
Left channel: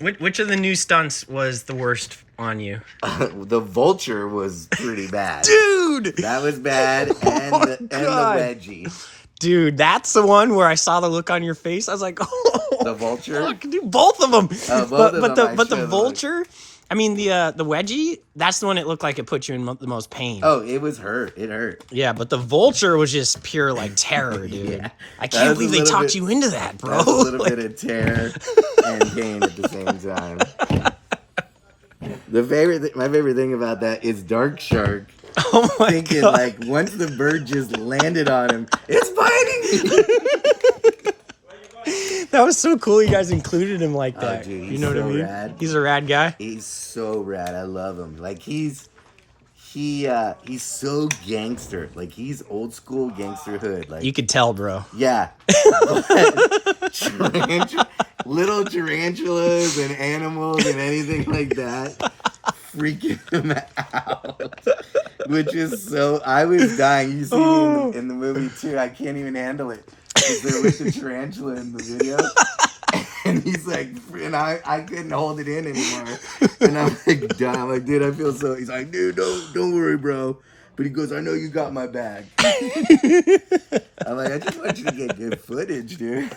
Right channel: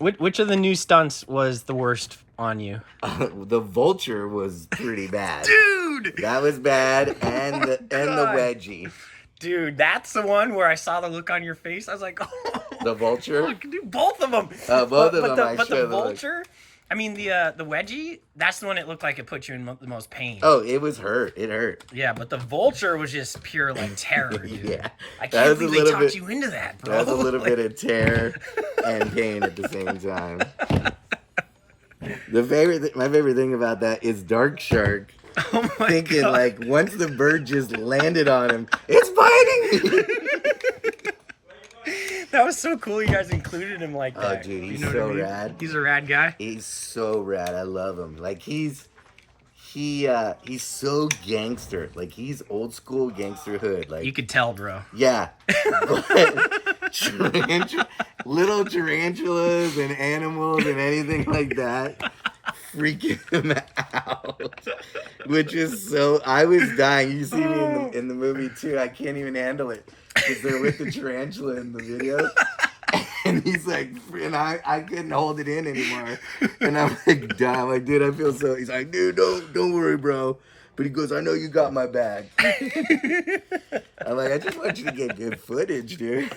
Which of the new stunts was the worst on you? The vulture was pretty bad. Dude! That was bad, and the wedgie. Dude, that's the one where I saw the look on your face. I was like, oh, The vulture? fuck, dude, both of them. Both of them, But the showed the look. vulture, I mean, the wedgie, that's the one it looked like it put you in the most pain. Oh, it was hurt. It hurt. Yeah, but the vulture was just pure, like, terror, dude. Yeah. I That can't was a believe they little talked bit- you into that, bro. That's a little bit of terror and pain at the same time. My favorite thing about that is Dark Shark Oh my thinking, God. like, once the bird just landed on him, it's biting me. That was so cool you guys included him like that. Oh, dude, he's you know what I so mean? rad. He's a rad guy. He's so rad. I love him. Like, he's so gangster. Like, he's old school gangster hood. Like, You could tell, bro. yeah. But little tarantulas and animals and anything like that freaking him out. Which is so, I was dying. You see me in the movie too. I can't even handle it. Because they're with the tarantula in the video. And he's like, and I couldn't hold it in anymore. And I'm like, dying. I'm like, dude, I feel so. He's like, dude, don't worry, bro. But he goes, I know you got my back. I'm like, I just want you to get good footage, dude.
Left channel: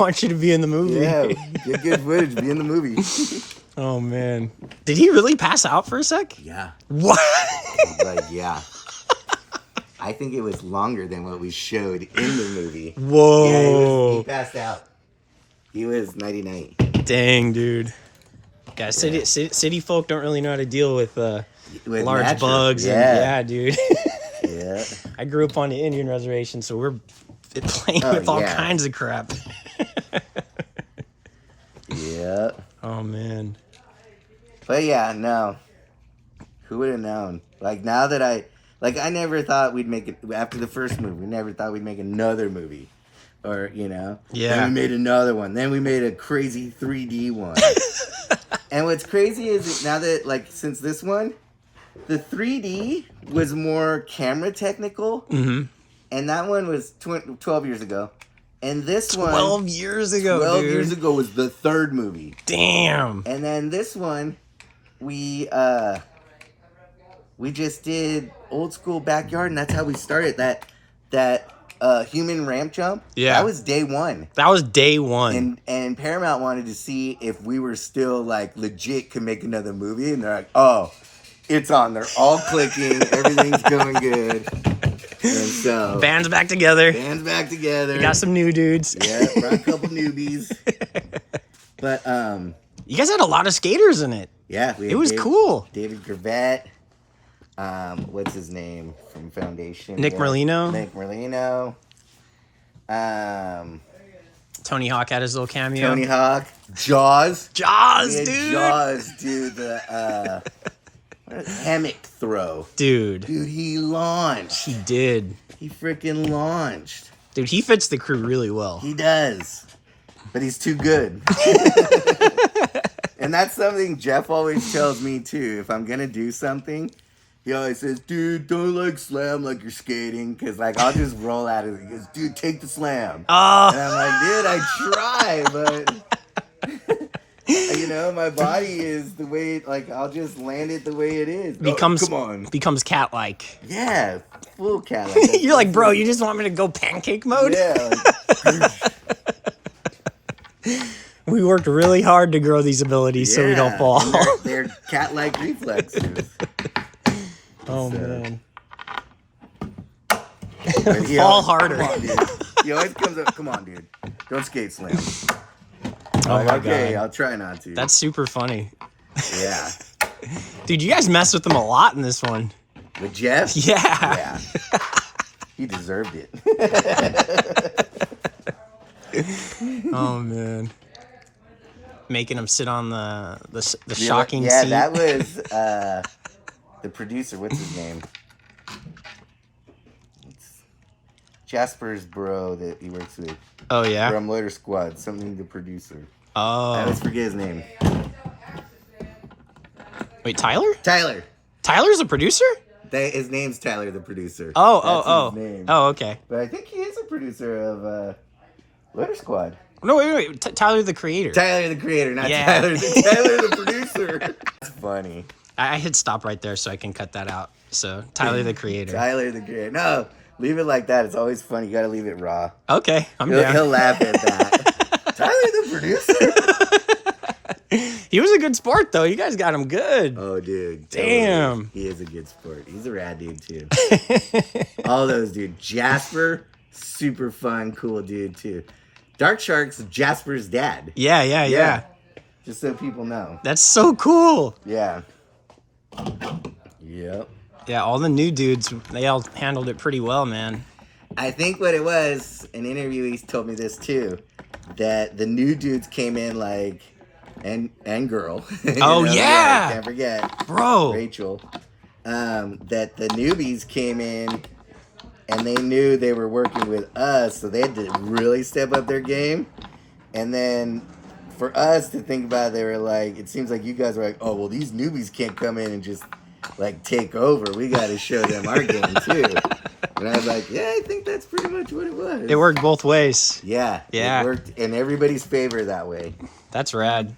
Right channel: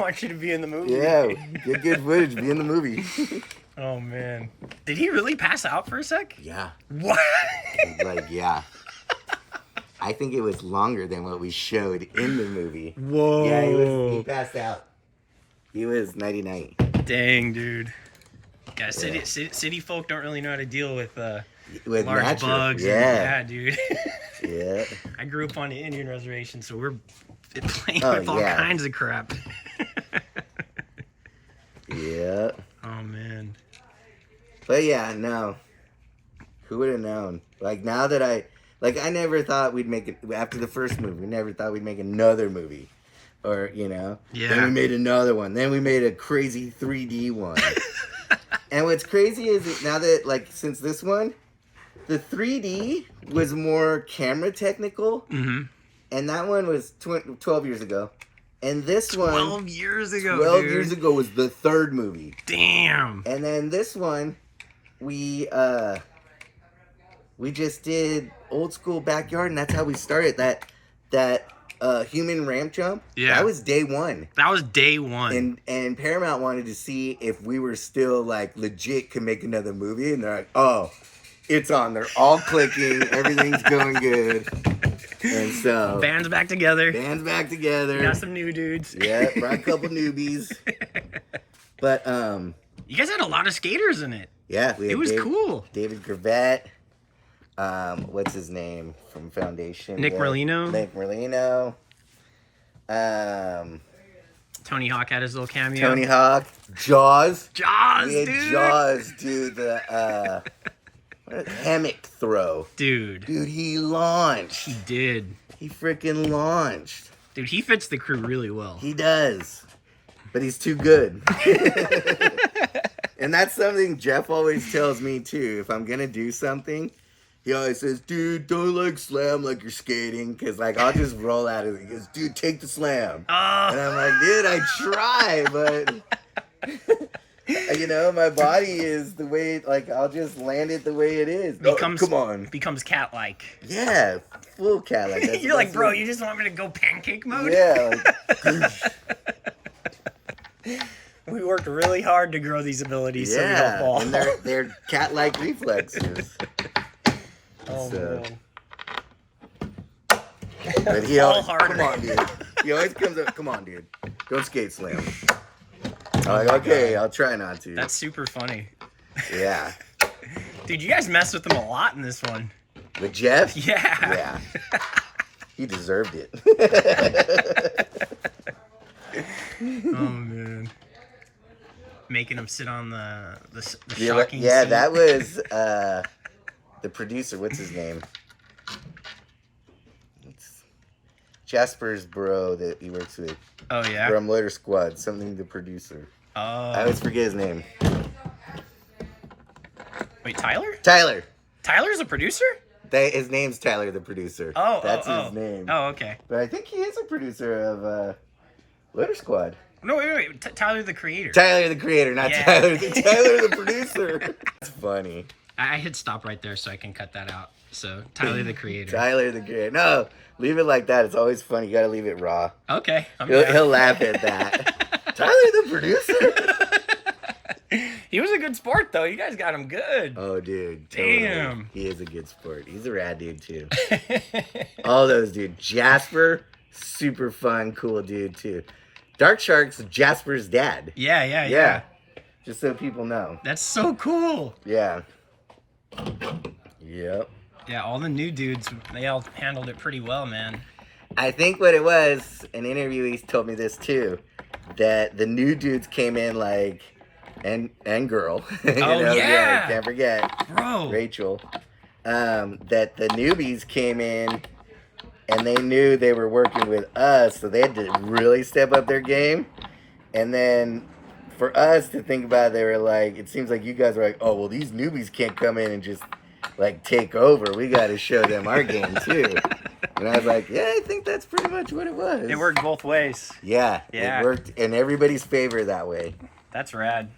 Want you to be in the movie. Yeah, get good footage. Be in the movie. Oh man. Did he really pass out for a sec? Yeah. What? Like, yeah. I think it was longer than what we showed in the movie. Whoa. Yeah, he passed out. He was 99. Dang, dude. Yeah, city folk don't really know how to deal with With large natural. bugs. Yeah. And, yeah, dude. Yeah. I grew up on the Indian reservation, so we're playing Oh, with all yeah. kinds of crap. Yeah. Oh man. But yeah, no. Who would have known? Like, now that I never thought we'd make it after the first movie. We never thought we'd make another movie. Or, you know. Yeah. Then we made another one. Then we made a crazy 3D one. And what's crazy is now that, like, since this one, the 3D was more camera technical. Mm-hmm. And that one was 12 years ago. And this 12 years ago, 12 dude. years ago was the third movie. Damn. And then this one, we just did old school backyard, and that's how we started that human ramp jump. Yeah. That was day one. That was day one. And Paramount wanted to see if we were still like legit could make another movie, and they're like, oh, it's on. They're all clicking. Everything's going good. And so Band's back together. band's back together. Got some new dudes. Yeah, brought a couple newbies. But You guys had a lot of skaters in it. yeah, we had It was cool. David Gravett. What's his name from Foundation? Nick Merlino? Nick Merlino. Tony Hawk had his little cameo. Tony Hawk. Jaws. Jaws, We had dude. Jaws do the hammock throw. Dude, He launched. he did. He freaking launched. Dude, he fits the crew really well. He does. But he's too good. And that's something Jeff always tells me too. If I'm gonna do something, he always says, dude, don't like slam like you're skating. Cause like I'll just roll out of it. He goes, dude, take the slam. Oh. And I'm like, dude, I try, but you know, my body is the way, like I'll just land it the way it is. Becomes, come on. Becomes cat-like. Yeah, full cat like You're like, bro, you just want me to go pancake mode? Yeah. Like, We worked really hard to grow these abilities so we don't fall. And they're cat-like reflexes. Oh, So. man. But he Fall always, harder. Come on, dude. He always comes up, come on, dude. Don't skate slam. I'm like, okay, I'll try not to. That's super funny. Yeah. Dude, you guys messed with him a lot in this one. With Jeff? Yeah. Yeah. He deserved it. Oh, man. Making him sit on the shocking Yeah, seat. that was the producer. What's his name? It's Jasper's bro that he works with. Oh, yeah? From Loiter Squad. Something the producer. I Oh. always forget his name. Wait, Tyler? Tyler. Tyler's a producer? His name's Tyler, the producer. Oh, That's oh, his name. Oh, okay. But I think he is a producer of Loiter Squad. No, wait. Tyler the creator. Tyler the creator, not Yeah. Tyler the producer. That's funny. I hit stop right there so I can cut that out. So, Tyler the creator. Tyler the creator. No, leave it like that. It's always funny. You gotta leave it raw. Okay. I'm down. He'll laugh at that. Tyler the producer? He was a good sport, though. You guys got him good. Oh, dude. Totally. Damn. He is a good sport. He's a rad dude, too. All those, dude. Jasper, super fun, cool dude, too. Dark Shark's Jasper's dad. Yeah. Just so people know. That's so cool. Yeah. Yep. Yeah, all the new dudes, they all handled it pretty well, man. I think what it was, an interviewee told me this too, that the new dudes came in like, and girl. Oh, yeah. Can't forget. Bro. Rachel. That the newbies came in and they knew they were working with us, so they had to really step up their game. And then for us to think about it, they were like, it seems like you guys were like, oh, well, these newbies can't come in and just like take over. We got to show them our game too. And I was like, yeah, I think that's pretty much what it was. It worked both ways. Yeah, Yeah. it worked in everybody's favor that way. That's rad.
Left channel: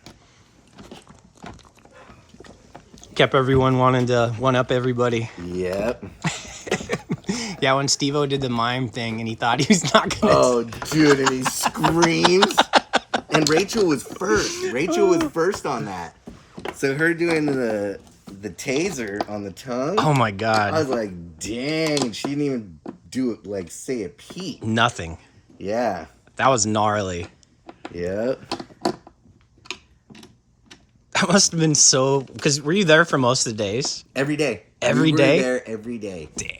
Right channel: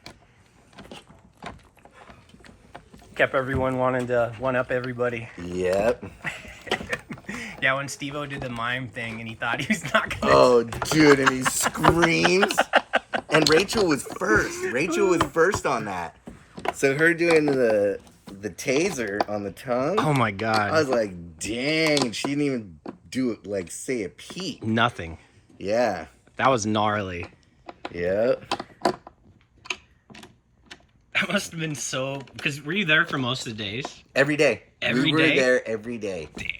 Kept everyone wanting to one-up everybody. Yep. Yeah, when Steve-O did the mime thing and he thought he was not gonna... Oh, dude, and he screams. And Rachel was first. Rachel was first on that. So her doing the taser on the tongue. Oh my I God. was like, dang, she didn't even do it, like, say a peep. Nothing. Yeah. That was gnarly. Yep. That must have been so... Because were you there for most of the days? Every day. Every we day? were there every day. Damn.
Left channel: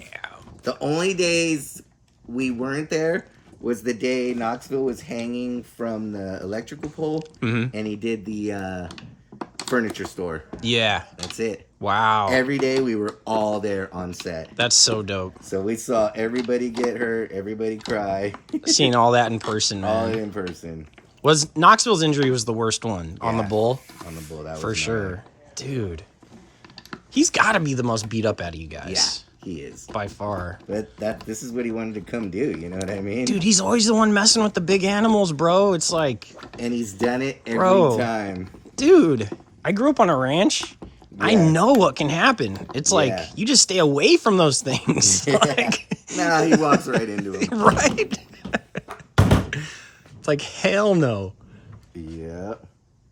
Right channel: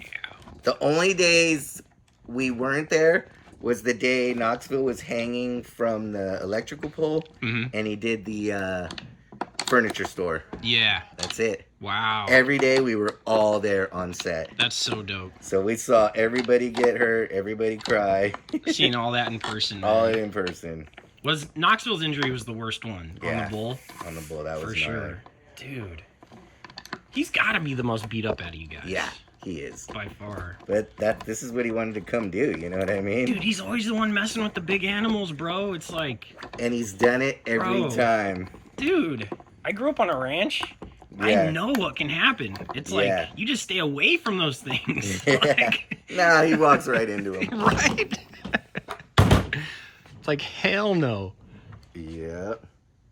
The only days we weren't there was the day Knoxville was hanging from the electrical pole, and he did the furniture store. Yeah. That's it. Wow. Every day we were all there on set. That's so dope. So we saw everybody get hurt, everybody cry, Seeing all that in person, man. all in person. Was Knoxville's injury was the worst one on the Yeah. bull? On the bull, that For was sure. Dude. He's got to be the most beat up out of you guys. Yeah, he is. By far. But this is what he wanted to come do, you know what I mean? Dude, he's always the one messing with the big animals, bro. It's like, And he's done it every Bro. time. dude, I grew up on a ranch. I Yeah. know what can happen. It's like, Yeah. you just stay away from those things. Like, No, he walks right into him. right? It's like, hell no. Yeah.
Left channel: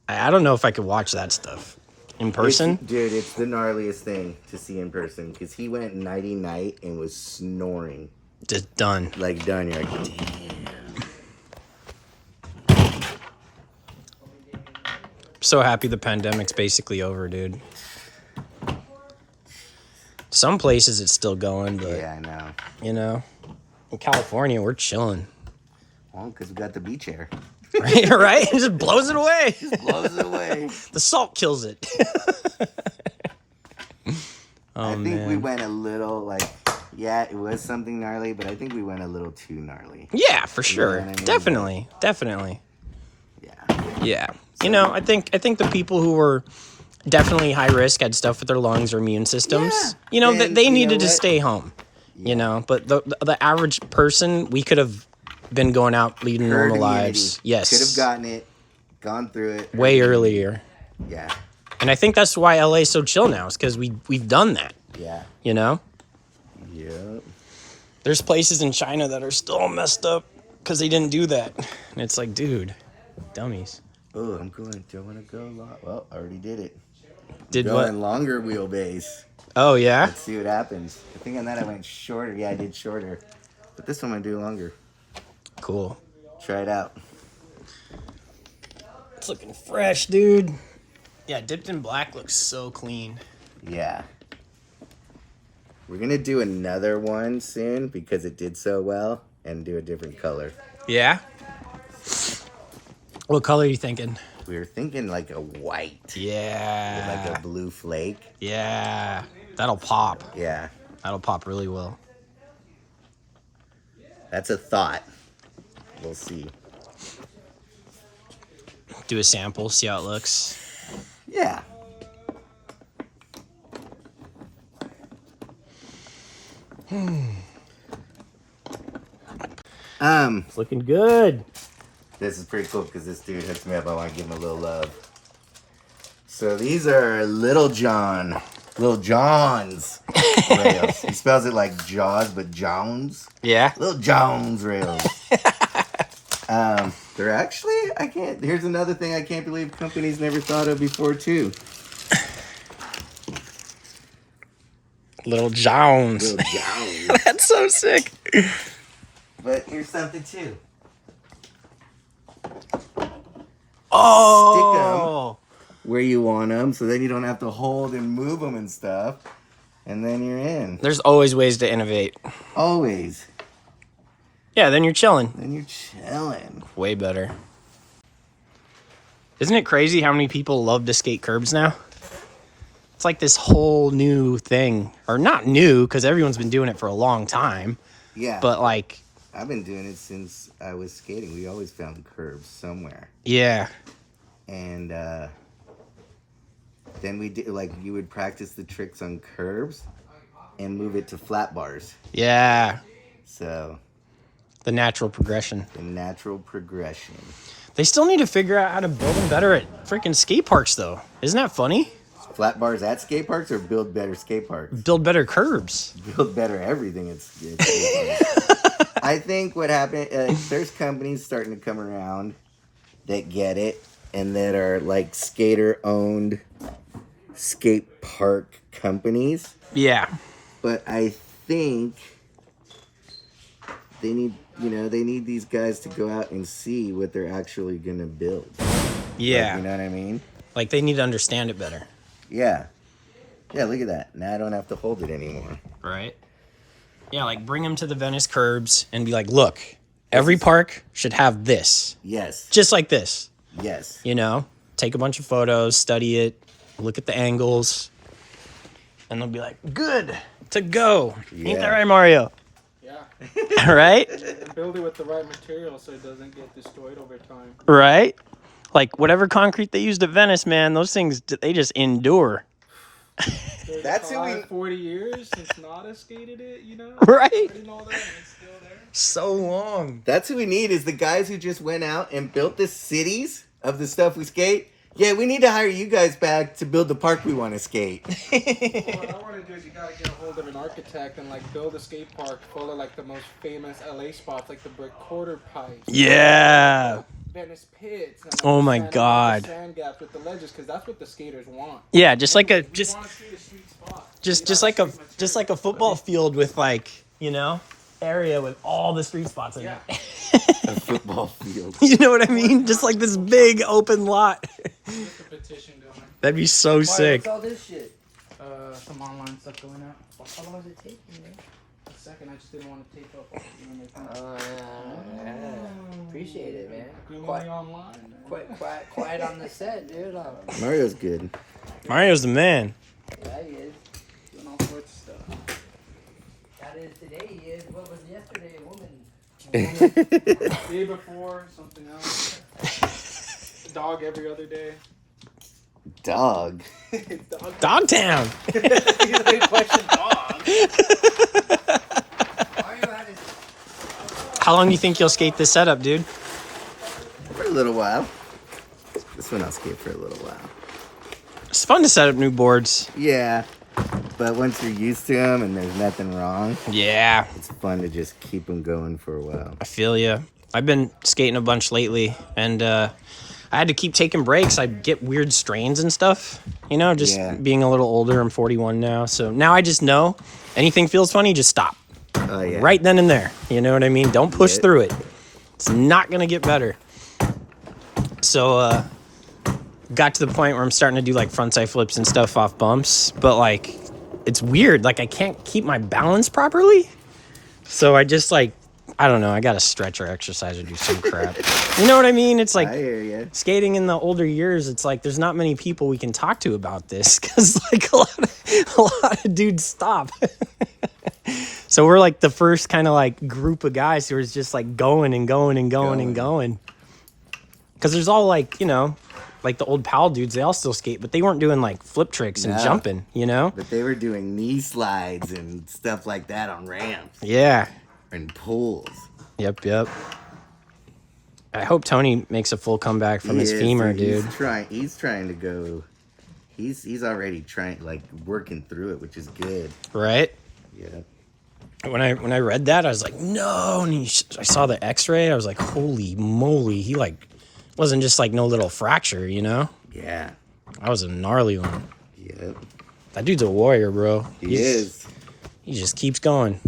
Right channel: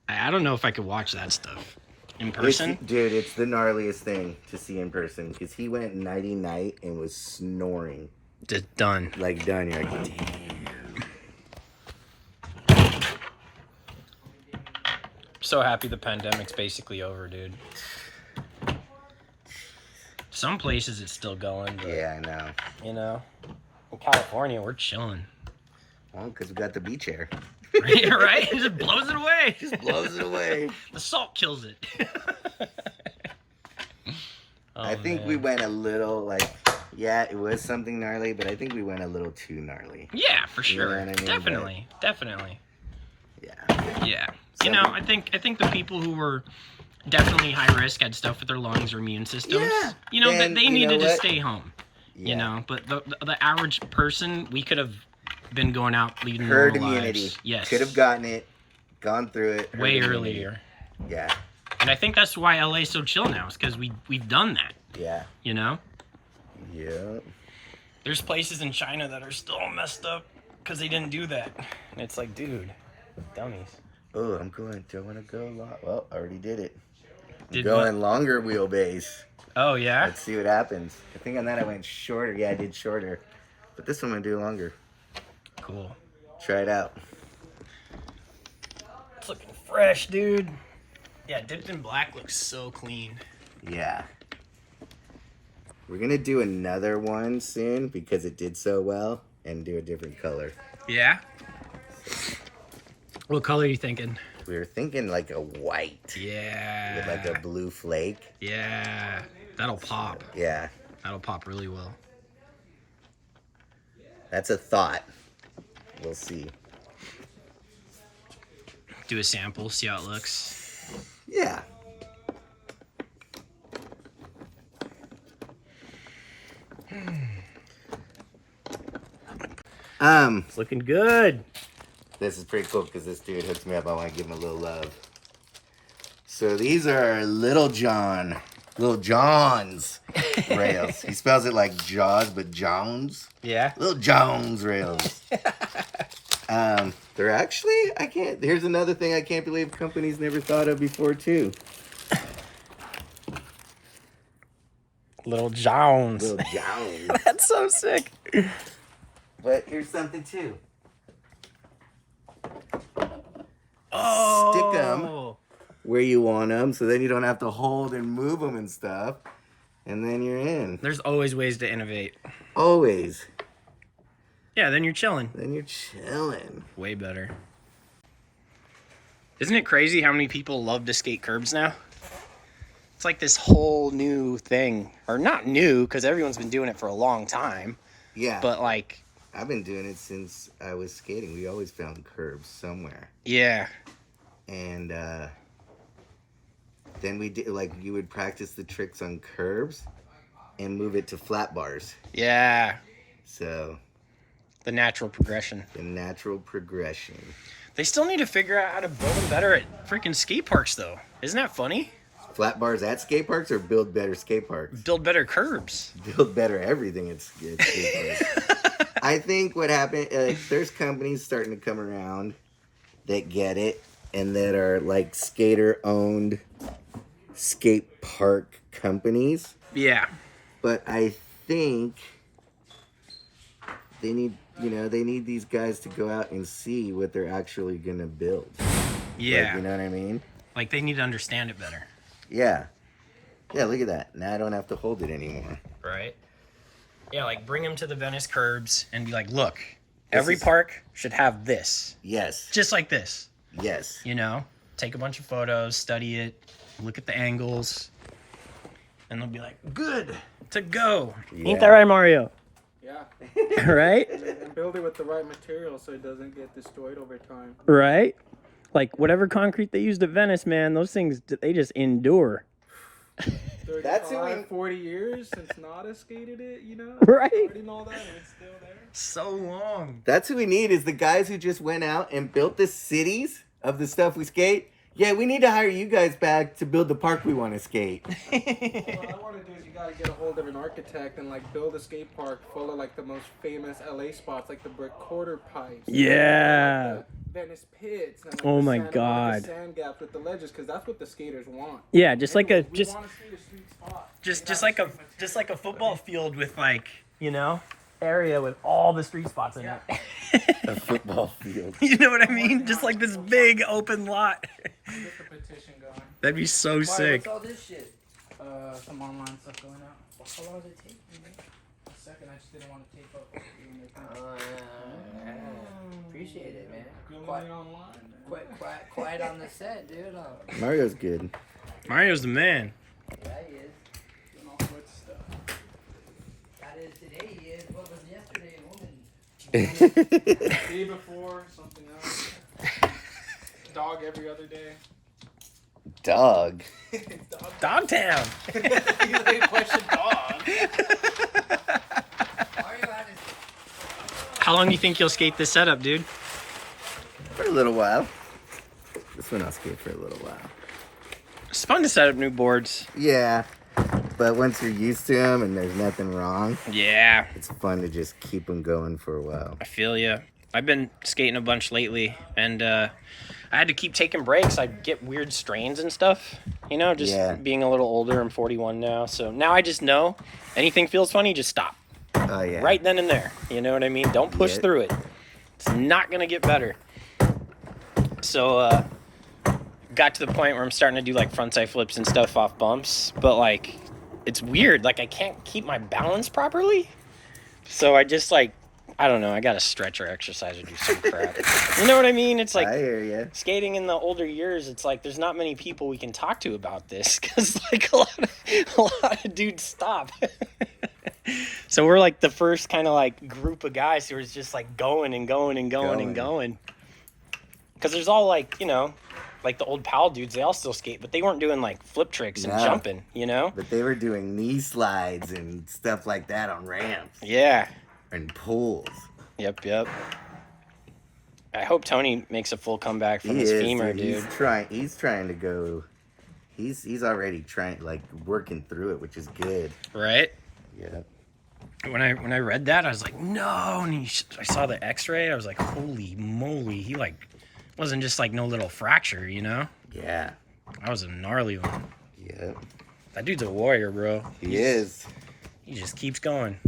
I don't know if I could watch that stuff in person. Dude, it's the gnarliest thing to see in person because he went nighty-night and was snoring. Just done. Like, done. You're like, damn. So happy the pandemic's basically over, dude. Some places it's still going, but, Yeah, I know. you know, in California, we're chilling. Well, because we got the beach air. Right? Right? It just blows it away. Just blows it away. The salt kills it. I think we went a little, like, yeah, it was something gnarly, but I think we went a little too gnarly. Yeah, for You know sure. what I mean? Definitely. Definitely. Yeah. Yeah. You know, I think the people who were definitely high risk had stuff with their lungs or immune systems. Yeah. You know, And they you know needed to what? stay home. Yeah. You know, but the average person, we could have been going out leading Herd normal immunity. lives. Yes. Could have gotten it, gone through it. way herd immunity. earlier. Yeah. And I think that's why LA's so chill now, is because we've done that. Yeah. You know? Yep. There's places in China that are still messed up because they didn't do that. And it's like, dude, dummies. Oh, I'm going. Do I want to go long? Well, I already did it. Did Going what? longer wheelbase. Oh, yeah? Let's see what happens. I think on that I went shorter. Yeah, I did shorter. But this one I'm going to do longer. Cool. Try it out. It's looking fresh, dude. Yeah, dipped in black looks so clean. Yeah. We're going to do another one soon because it did so well and do a different color. Yeah? What color are you thinking? We were thinking like a white. With Yeah. like a blue flake. Yeah. That'll pop. Yeah. That'll pop really well. That's a thought. We'll see. Do a sample, see how it looks. Yeah. It's looking good. This is pretty cool because this dude hooks me up. I want to give him a little love. So these are Little John's rails. He spells it like Jaws, but Jones. Yeah. Little Jones rails. They're actually, here's another thing I can't believe companies never thought of before too. Little Jones. Little Jones. That's so sick. But here's something too. Oh. Where you want them, so then you don't have to hold and move them and stuff. And then you're in. There's always ways to innovate. Always. Yeah, then you're chilling. Then you're chilling. Way better. Isn't it crazy how many people love to skate curbs now? It's like this whole new thing. Or not new, because everyone's been doing it for a long time. Yeah. But like... I've been doing it since I was skating. We always found curbs somewhere. Yeah. And then we did, like, you would practice the tricks on curbs and move it to flat bars. Yeah. So... The natural progression. The natural progression. They still need to figure out how to build better at freaking skate parks, though. Isn't that funny? Flat bars at skate parks or build better skate parks? Build better curbs. Build better everything at skate parks. I think what happened, there's companies starting to come around that get it and that are like skater-owned skate park companies. Yeah. But I think they need these guys to go out and see what they're actually going to build. Yeah. Like, you know what I mean? Like, they need to understand it better. Yeah. Yeah, look at that. Now I don't have to hold it anymore. Right? Yeah, like, bring them to the Venice curbs and be like, look, every park should have this. Yes. Just like this. Yes. You know? Take a bunch of photos, study it, look at the angles, and they'll be like, good to go. Yeah. Ain't that right, Mario? Yeah. Right? And build it with the right material so it doesn't get destroyed over time. Right? Like, whatever concrete they used at Venice, man, those things, they just endure. 35, 40 years since Nada skated it, you know? Right? And all that, and it's still there. So long. That's who we need, is the guys who just went out and built the cities of the stuff we skate. Yeah, we need to hire you guys back to build the park we want to skate. What I want to do is you gotta get a hold of an architect and like build a skate park full of like the most famous LA spots, like the brick quarter pipes. Yeah. Venice pits. And, like, Oh the my sand- God. The sand gaps with the ledges, because that's what the skaters want. Yeah, just like a We just want to see the street spot. just like a football field with, like, you know, area with all the street spots in it. A football field. You know what I mean? Just like this big open lot. Get the petition going. That'd be so sick. What's all this shit? Some online stuff going out. appreciate it, man. Gloomy online. Quiet on the set, dude. Mario's good. Mario's the man. Yeah, he is. Getting off with stuff. That is today. He is. What was yesterday? A woman. Day before, something else. Dog every other day. Dog. Dogtown. You like question dog. Mario had his. How long do you think you'll skate this setup, dude? For a little while. This one I'll skate for a little while. It's fun to set up new boards. Yeah, but once you're used to them and there's nothing wrong, Yeah, it's fun to just keep them going for a while. I feel you. I've been skating a bunch lately, and I had to keep taking breaks. I get weird strains and stuff, you know, just being a little older. I'm 41 now, so now I just know anything feels funny, just stop. Oh, yeah. Right then and there. You know what I mean? Don't push through it. It's not going to get better. So, got to the point where I'm starting to do like frontside flips and stuff off bumps, but like, it's weird. Like, I can't keep my balance properly. So I just like, I don't know. I got to stretch or exercise or do some crap. You know what I mean? It's like I hear ya. skating in the older years. It's like there's not many people we can talk to about this because like a lot of dudes stop. So we're like the first kind of like group of guys who is just like going and going and going and going. Because there's all like, you know, like the old pal dudes, they all still skate, but they weren't doing like flip tricks and jumping, you know? But they were doing knee slides and stuff like that on ramps. Yeah. And pulls. Yep. I hope Tony makes a full comeback from his femur, dude. He's trying to go. He's already trying, like, working through it, which is good. Right? Yeah. When I read that, I was like, no. And I saw the X-ray. I was like, holy moly. He like wasn't just like no little fracture, you know? Yeah. That was a gnarly one. Yep. That dude's a warrior, bro. He is. He just keeps going.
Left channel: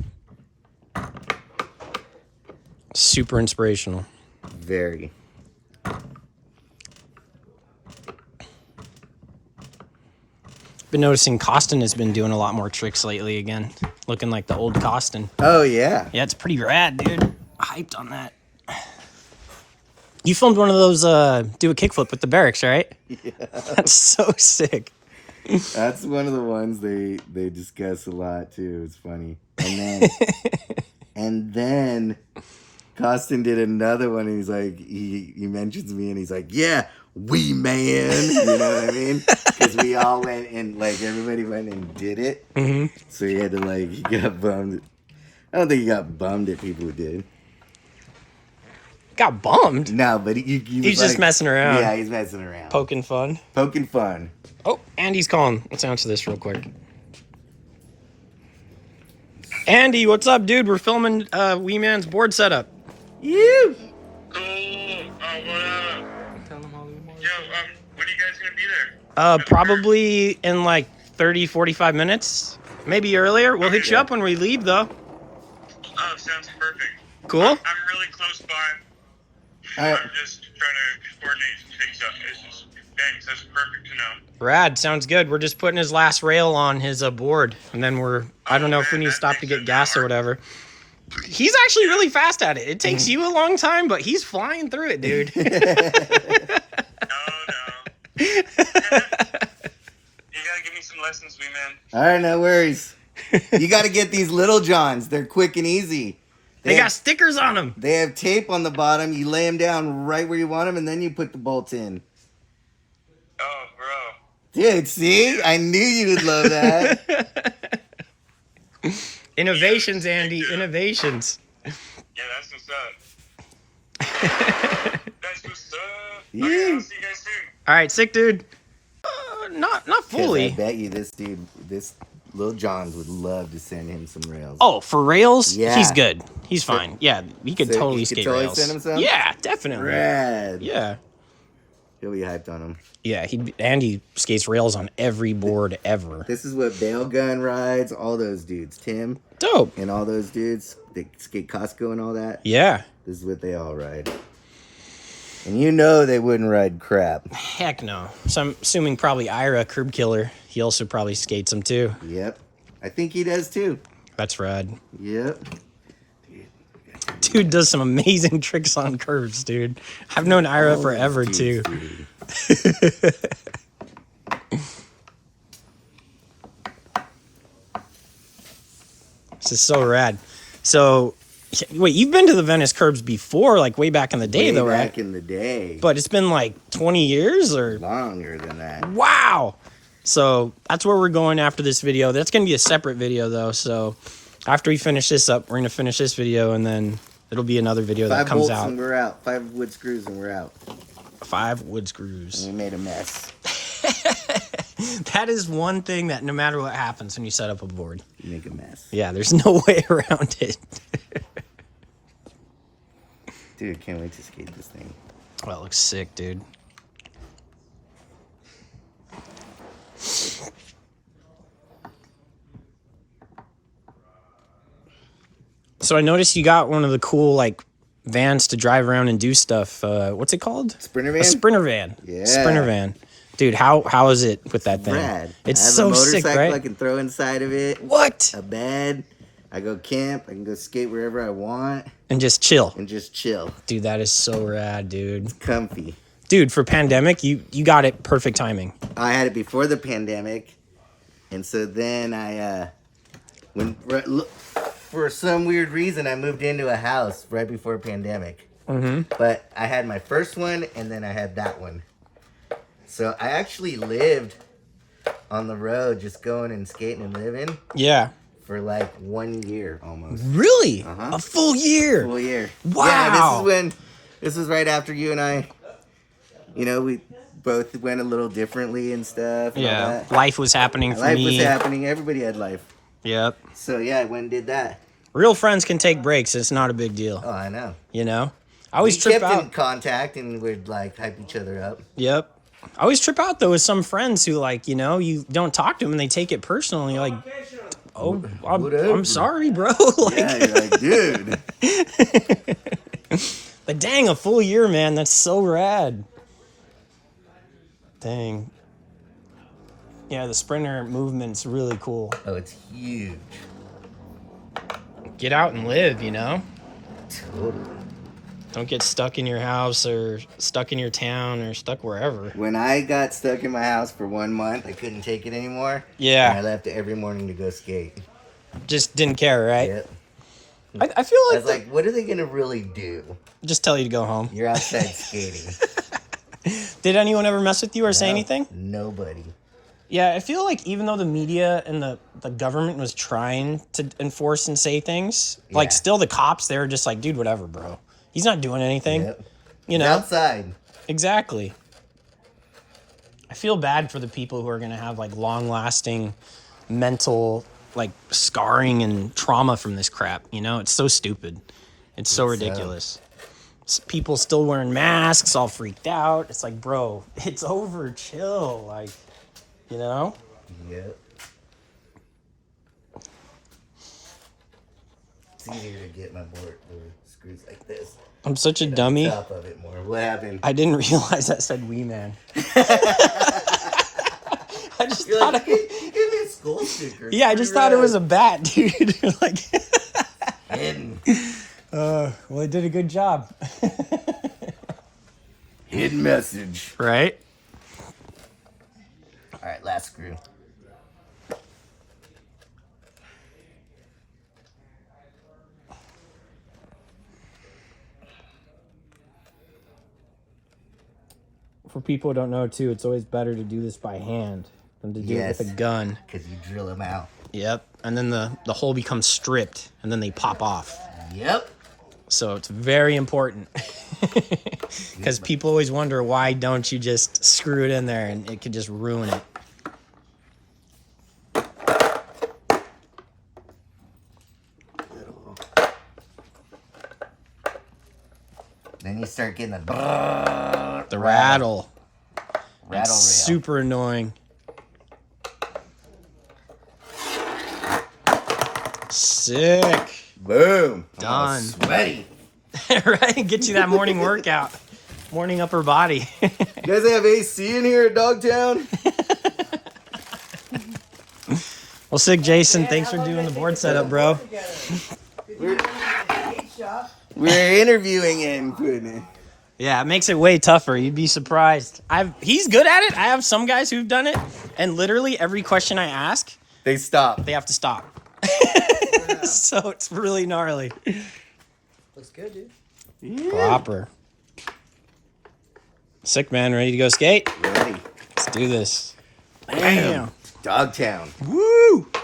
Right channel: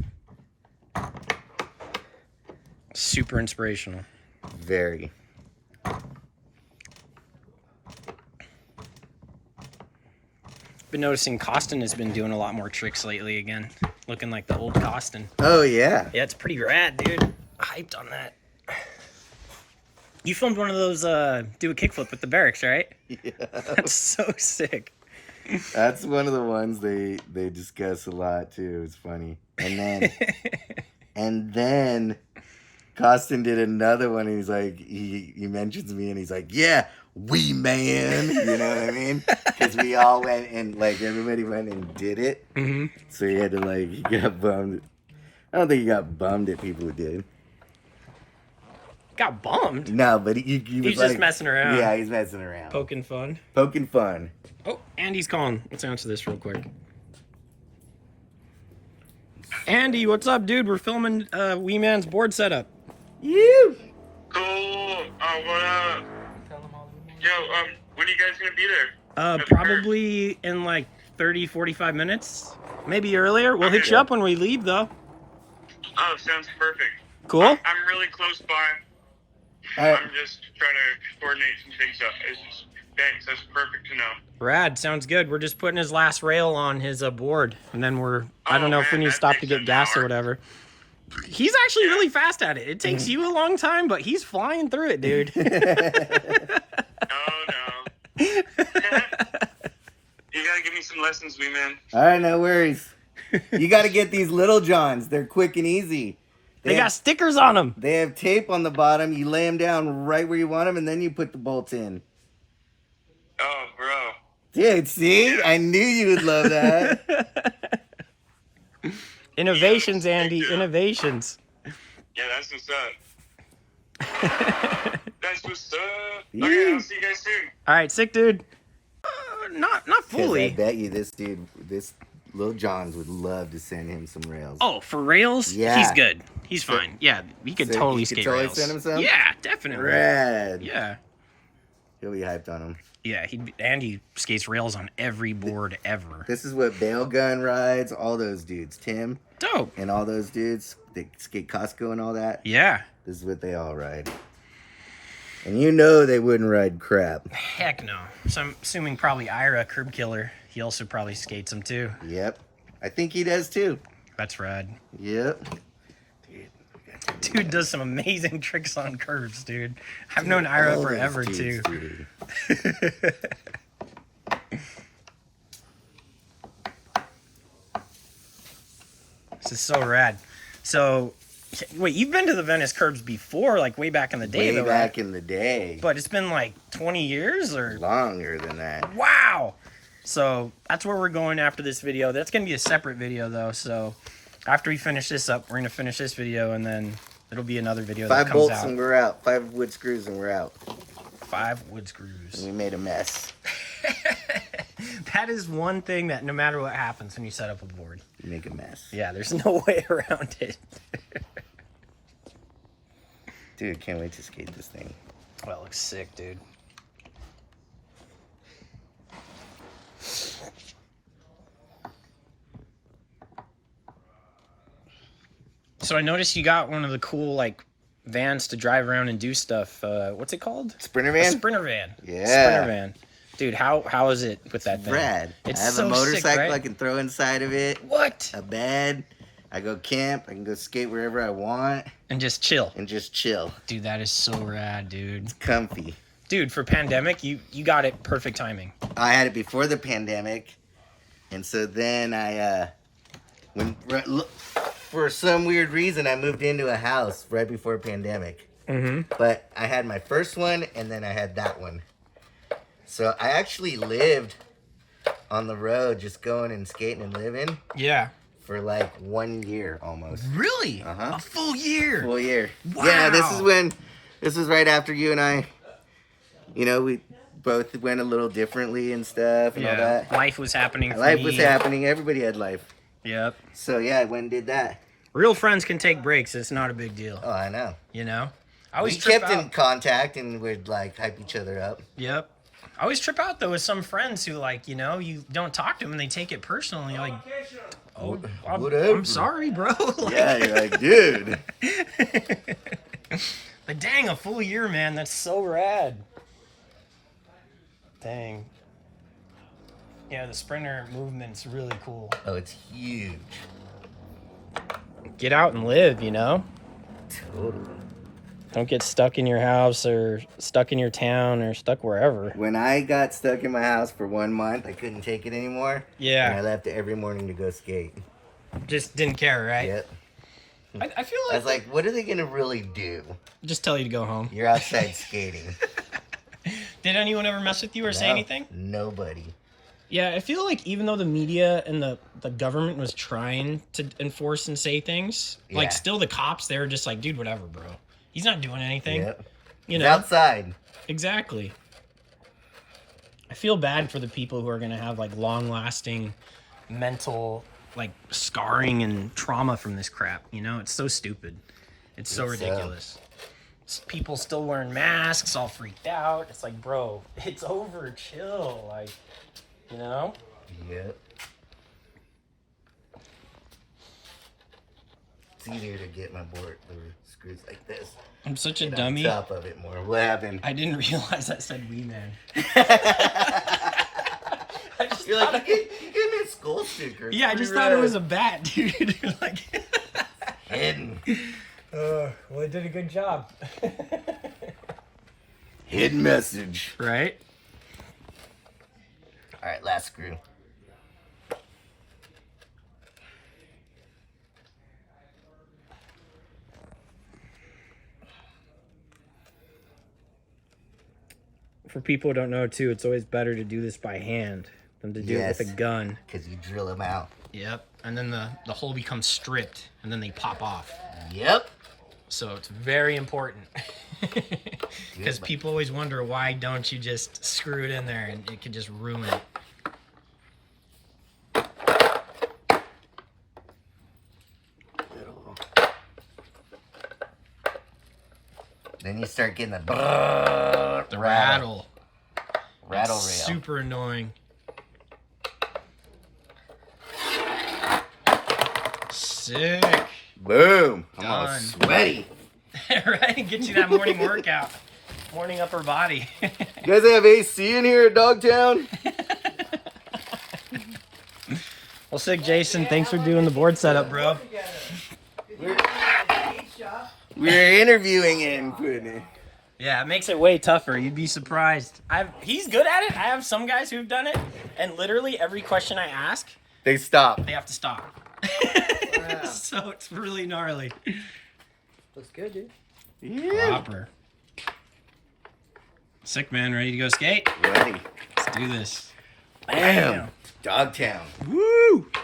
Super inspirational. Very. Been noticing Costin has been doing a lot more tricks lately again. Looking like the old Costin. Oh, yeah. Yeah, it's pretty rad, dude. Hyped on that. You filmed one of those do a kickflip with the Berrics, right? Yeah. That's so sick. That's one of the ones they discuss a lot, too. It's funny. And then Costin did another one, and he's like, he mentions me, and he's like, yeah, we man. You know what I mean? Because we all went and, like, everybody went and did it. Mm-hmm. So he had to, like, he got bummed. I don't think he got bummed at people who did. Got bummed? No, but he was He's like, just messing around. Yeah, he's messing around. Poking fun. Poking fun. Oh, Andy's calling. Let's answer this real quick. Andy, what's up, dude? We're filming WEEMAN'S board setup. You. Cool. What up? Yo, when are you guys gonna be there? Probably in like 30, 45 minutes. Maybe earlier. We'll hit you up when we leave, though. Oh, sounds perfect. Cool? I'm really close by. Alright. I'm just trying to coordinate some things up. It's just, thanks. That's perfect to know. Rad. Sounds good. We're just putting his last rail on his board. And then I don't know if we need to stop to get gas or whatever. He's actually really fast at it. It takes you a long time, but he's flying through it, dude. Oh, no. You gotta give me some lessons, man. All right, no worries. You got to get these Little Johns. They're quick and easy. They got stickers on them. They have tape on the bottom. You lay them down right where you want them, and then you put the bolts in. Oh, bro. Dude, see? I knew you would love that. Innovations, Andy. Innovations. Yeah, that's what's up. That's what's up. Yeah. Okay, I'll see you guys soon. All right, sick, dude. Not 'Cause I fully. bet you this Lil Johns would love to send him some rails. Oh, for rails? Yeah. He's good. He's fine. Yeah, he could So totally you could skate totally rails. send him some? Yeah, definitely. Rad. Yeah. He'll be hyped on him. Yeah, Andy skates rails on every board ever. This is what Bail Gun rides, all those dudes. Tim Dope. and all those dudes, they skate Costco and all that. Yeah. This is what they all ride. And you know they wouldn't ride crap. Heck no. So I'm assuming probably Ira, Curb Killer. He also probably skates them too. Yep. I think he does too. That's rad. Yep. Dude, dude does some amazing tricks on curves, dude. I've known Ira forever, too. Dude. This is so rad. So, wait, you've been to the Venice curbs before, like way back in the day, Way though, right? back in the day. But it's been like 20 years or? Longer than that. Wow. So that's where we're going after this video. That's going to be a separate video, though. So after we finish this up, we're going to finish this video, and then it'll be another video that 5 comes bolts out. and we're out. 5 wood screws and we're out. 5 wood screws. And we made a mess. That is one thing that no matter what happens when you set up a board. You make a mess. Yeah, there's no way around it. Dude, can't wait to skate this thing. Oh, it looks sick, dude. So I noticed you got one of the cool, like, vans to drive around and do stuff. What's it called? Sprinter A van? sprinter van. Yeah. Sprinter van. Dude, how is it with that thing? Rad. It's I have so a motorcycle sick, right? I can throw inside of it. What? A bed. I go camp. I can go skate wherever I want. And just chill. And just chill. Dude, that is so rad, dude. Comfy. Dude, for pandemic, you got it perfect timing. I had it before the pandemic. And so then for some weird reason, I moved into a house right before pandemic. Mm-hmm. But I had my first one, and then I had that one. So I actually lived on the road, just going and skating and living Yeah. for like 1 year almost. Really? Uh-huh. A full year? Full year. Wow. Yeah, this was right after you and I, we both went a little differently and stuff and all Yeah. that. Life was happening for Life me. was happening. Everybody had life. Yep. So yeah, I went and did that. Real friends can take breaks. It's not a big deal. Oh, I know. I always We trip kept out. in contact and we'd like hype each other up. Yep. I always trip out though with some friends who like, you don't talk to them and they take it personal and you're like, oh, Whatever. I'm sorry, bro. Like, Yeah, you're like, dude. but dang, a full year, man. That's so rad. Dang. Yeah, the sprinter movement's really cool. Oh, it's huge. Get out and live, Totally. Don't get stuck in your house or stuck in your town or stuck wherever. When I got stuck in my house for 1 month, I couldn't take it anymore. Yeah. And I left every morning to go skate. Just didn't care, right? Yep. I feel I like, was like, what are they going to really do? just tell you to go home. You're outside skating. Did anyone ever mess with you or say No, anything? Nobody. Yeah, I feel like even though the media and the government was trying to enforce and say things, like Yeah. still the cops, they were just like, dude, whatever, bro. He's not doing anything. Yep. You It's know? outside. Exactly. I feel bad for the people who are going to have like long lasting mental like scarring and trauma from this crap. It's so stupid. It's so ridiculous. People still wearing masks, all freaked out. It's like, bro, it's over. Chill. Like, Yep. It's easier to get my board the screws like this. I'm such a Get on dummy. top of it more. What happened? I didn't realize that said "Wee Man." I just You're thought like, you gave me a skull sticker. yeah, I just thought it was a bat, dude. Like, hidden. well, I did a good job. Hidden message. Right? All right, last screw. For people who don't know, too, it's always better to do this by hand than to do it with a gun. Because you drill them out. Yep. And then the hole becomes stripped, and then they pop off. Yep. So it's very important. Because people always wonder, why don't you just screw it in there, and it could just ruin it. Then you start getting the Rattle. rattle rail. Super annoying. Sick. Boom. I'm all Done. sweaty. Right? Get you that morning workout. Morning upper body. You guys have AC in here at Dogtown? Well, sick, Jason. Thanks for doing the board setup, bro. We're interviewing and putting it. Yeah, it makes it way tougher. You'd be surprised. He's good at it. I have some guys who've done it, and literally every question I ask, They stop. they have to stop. So it's really gnarly. Looks good, dude. Yeah. Proper. Sick, man. Ready to go skate? Ready. Let's do this. Bam. Dogtown. Woo!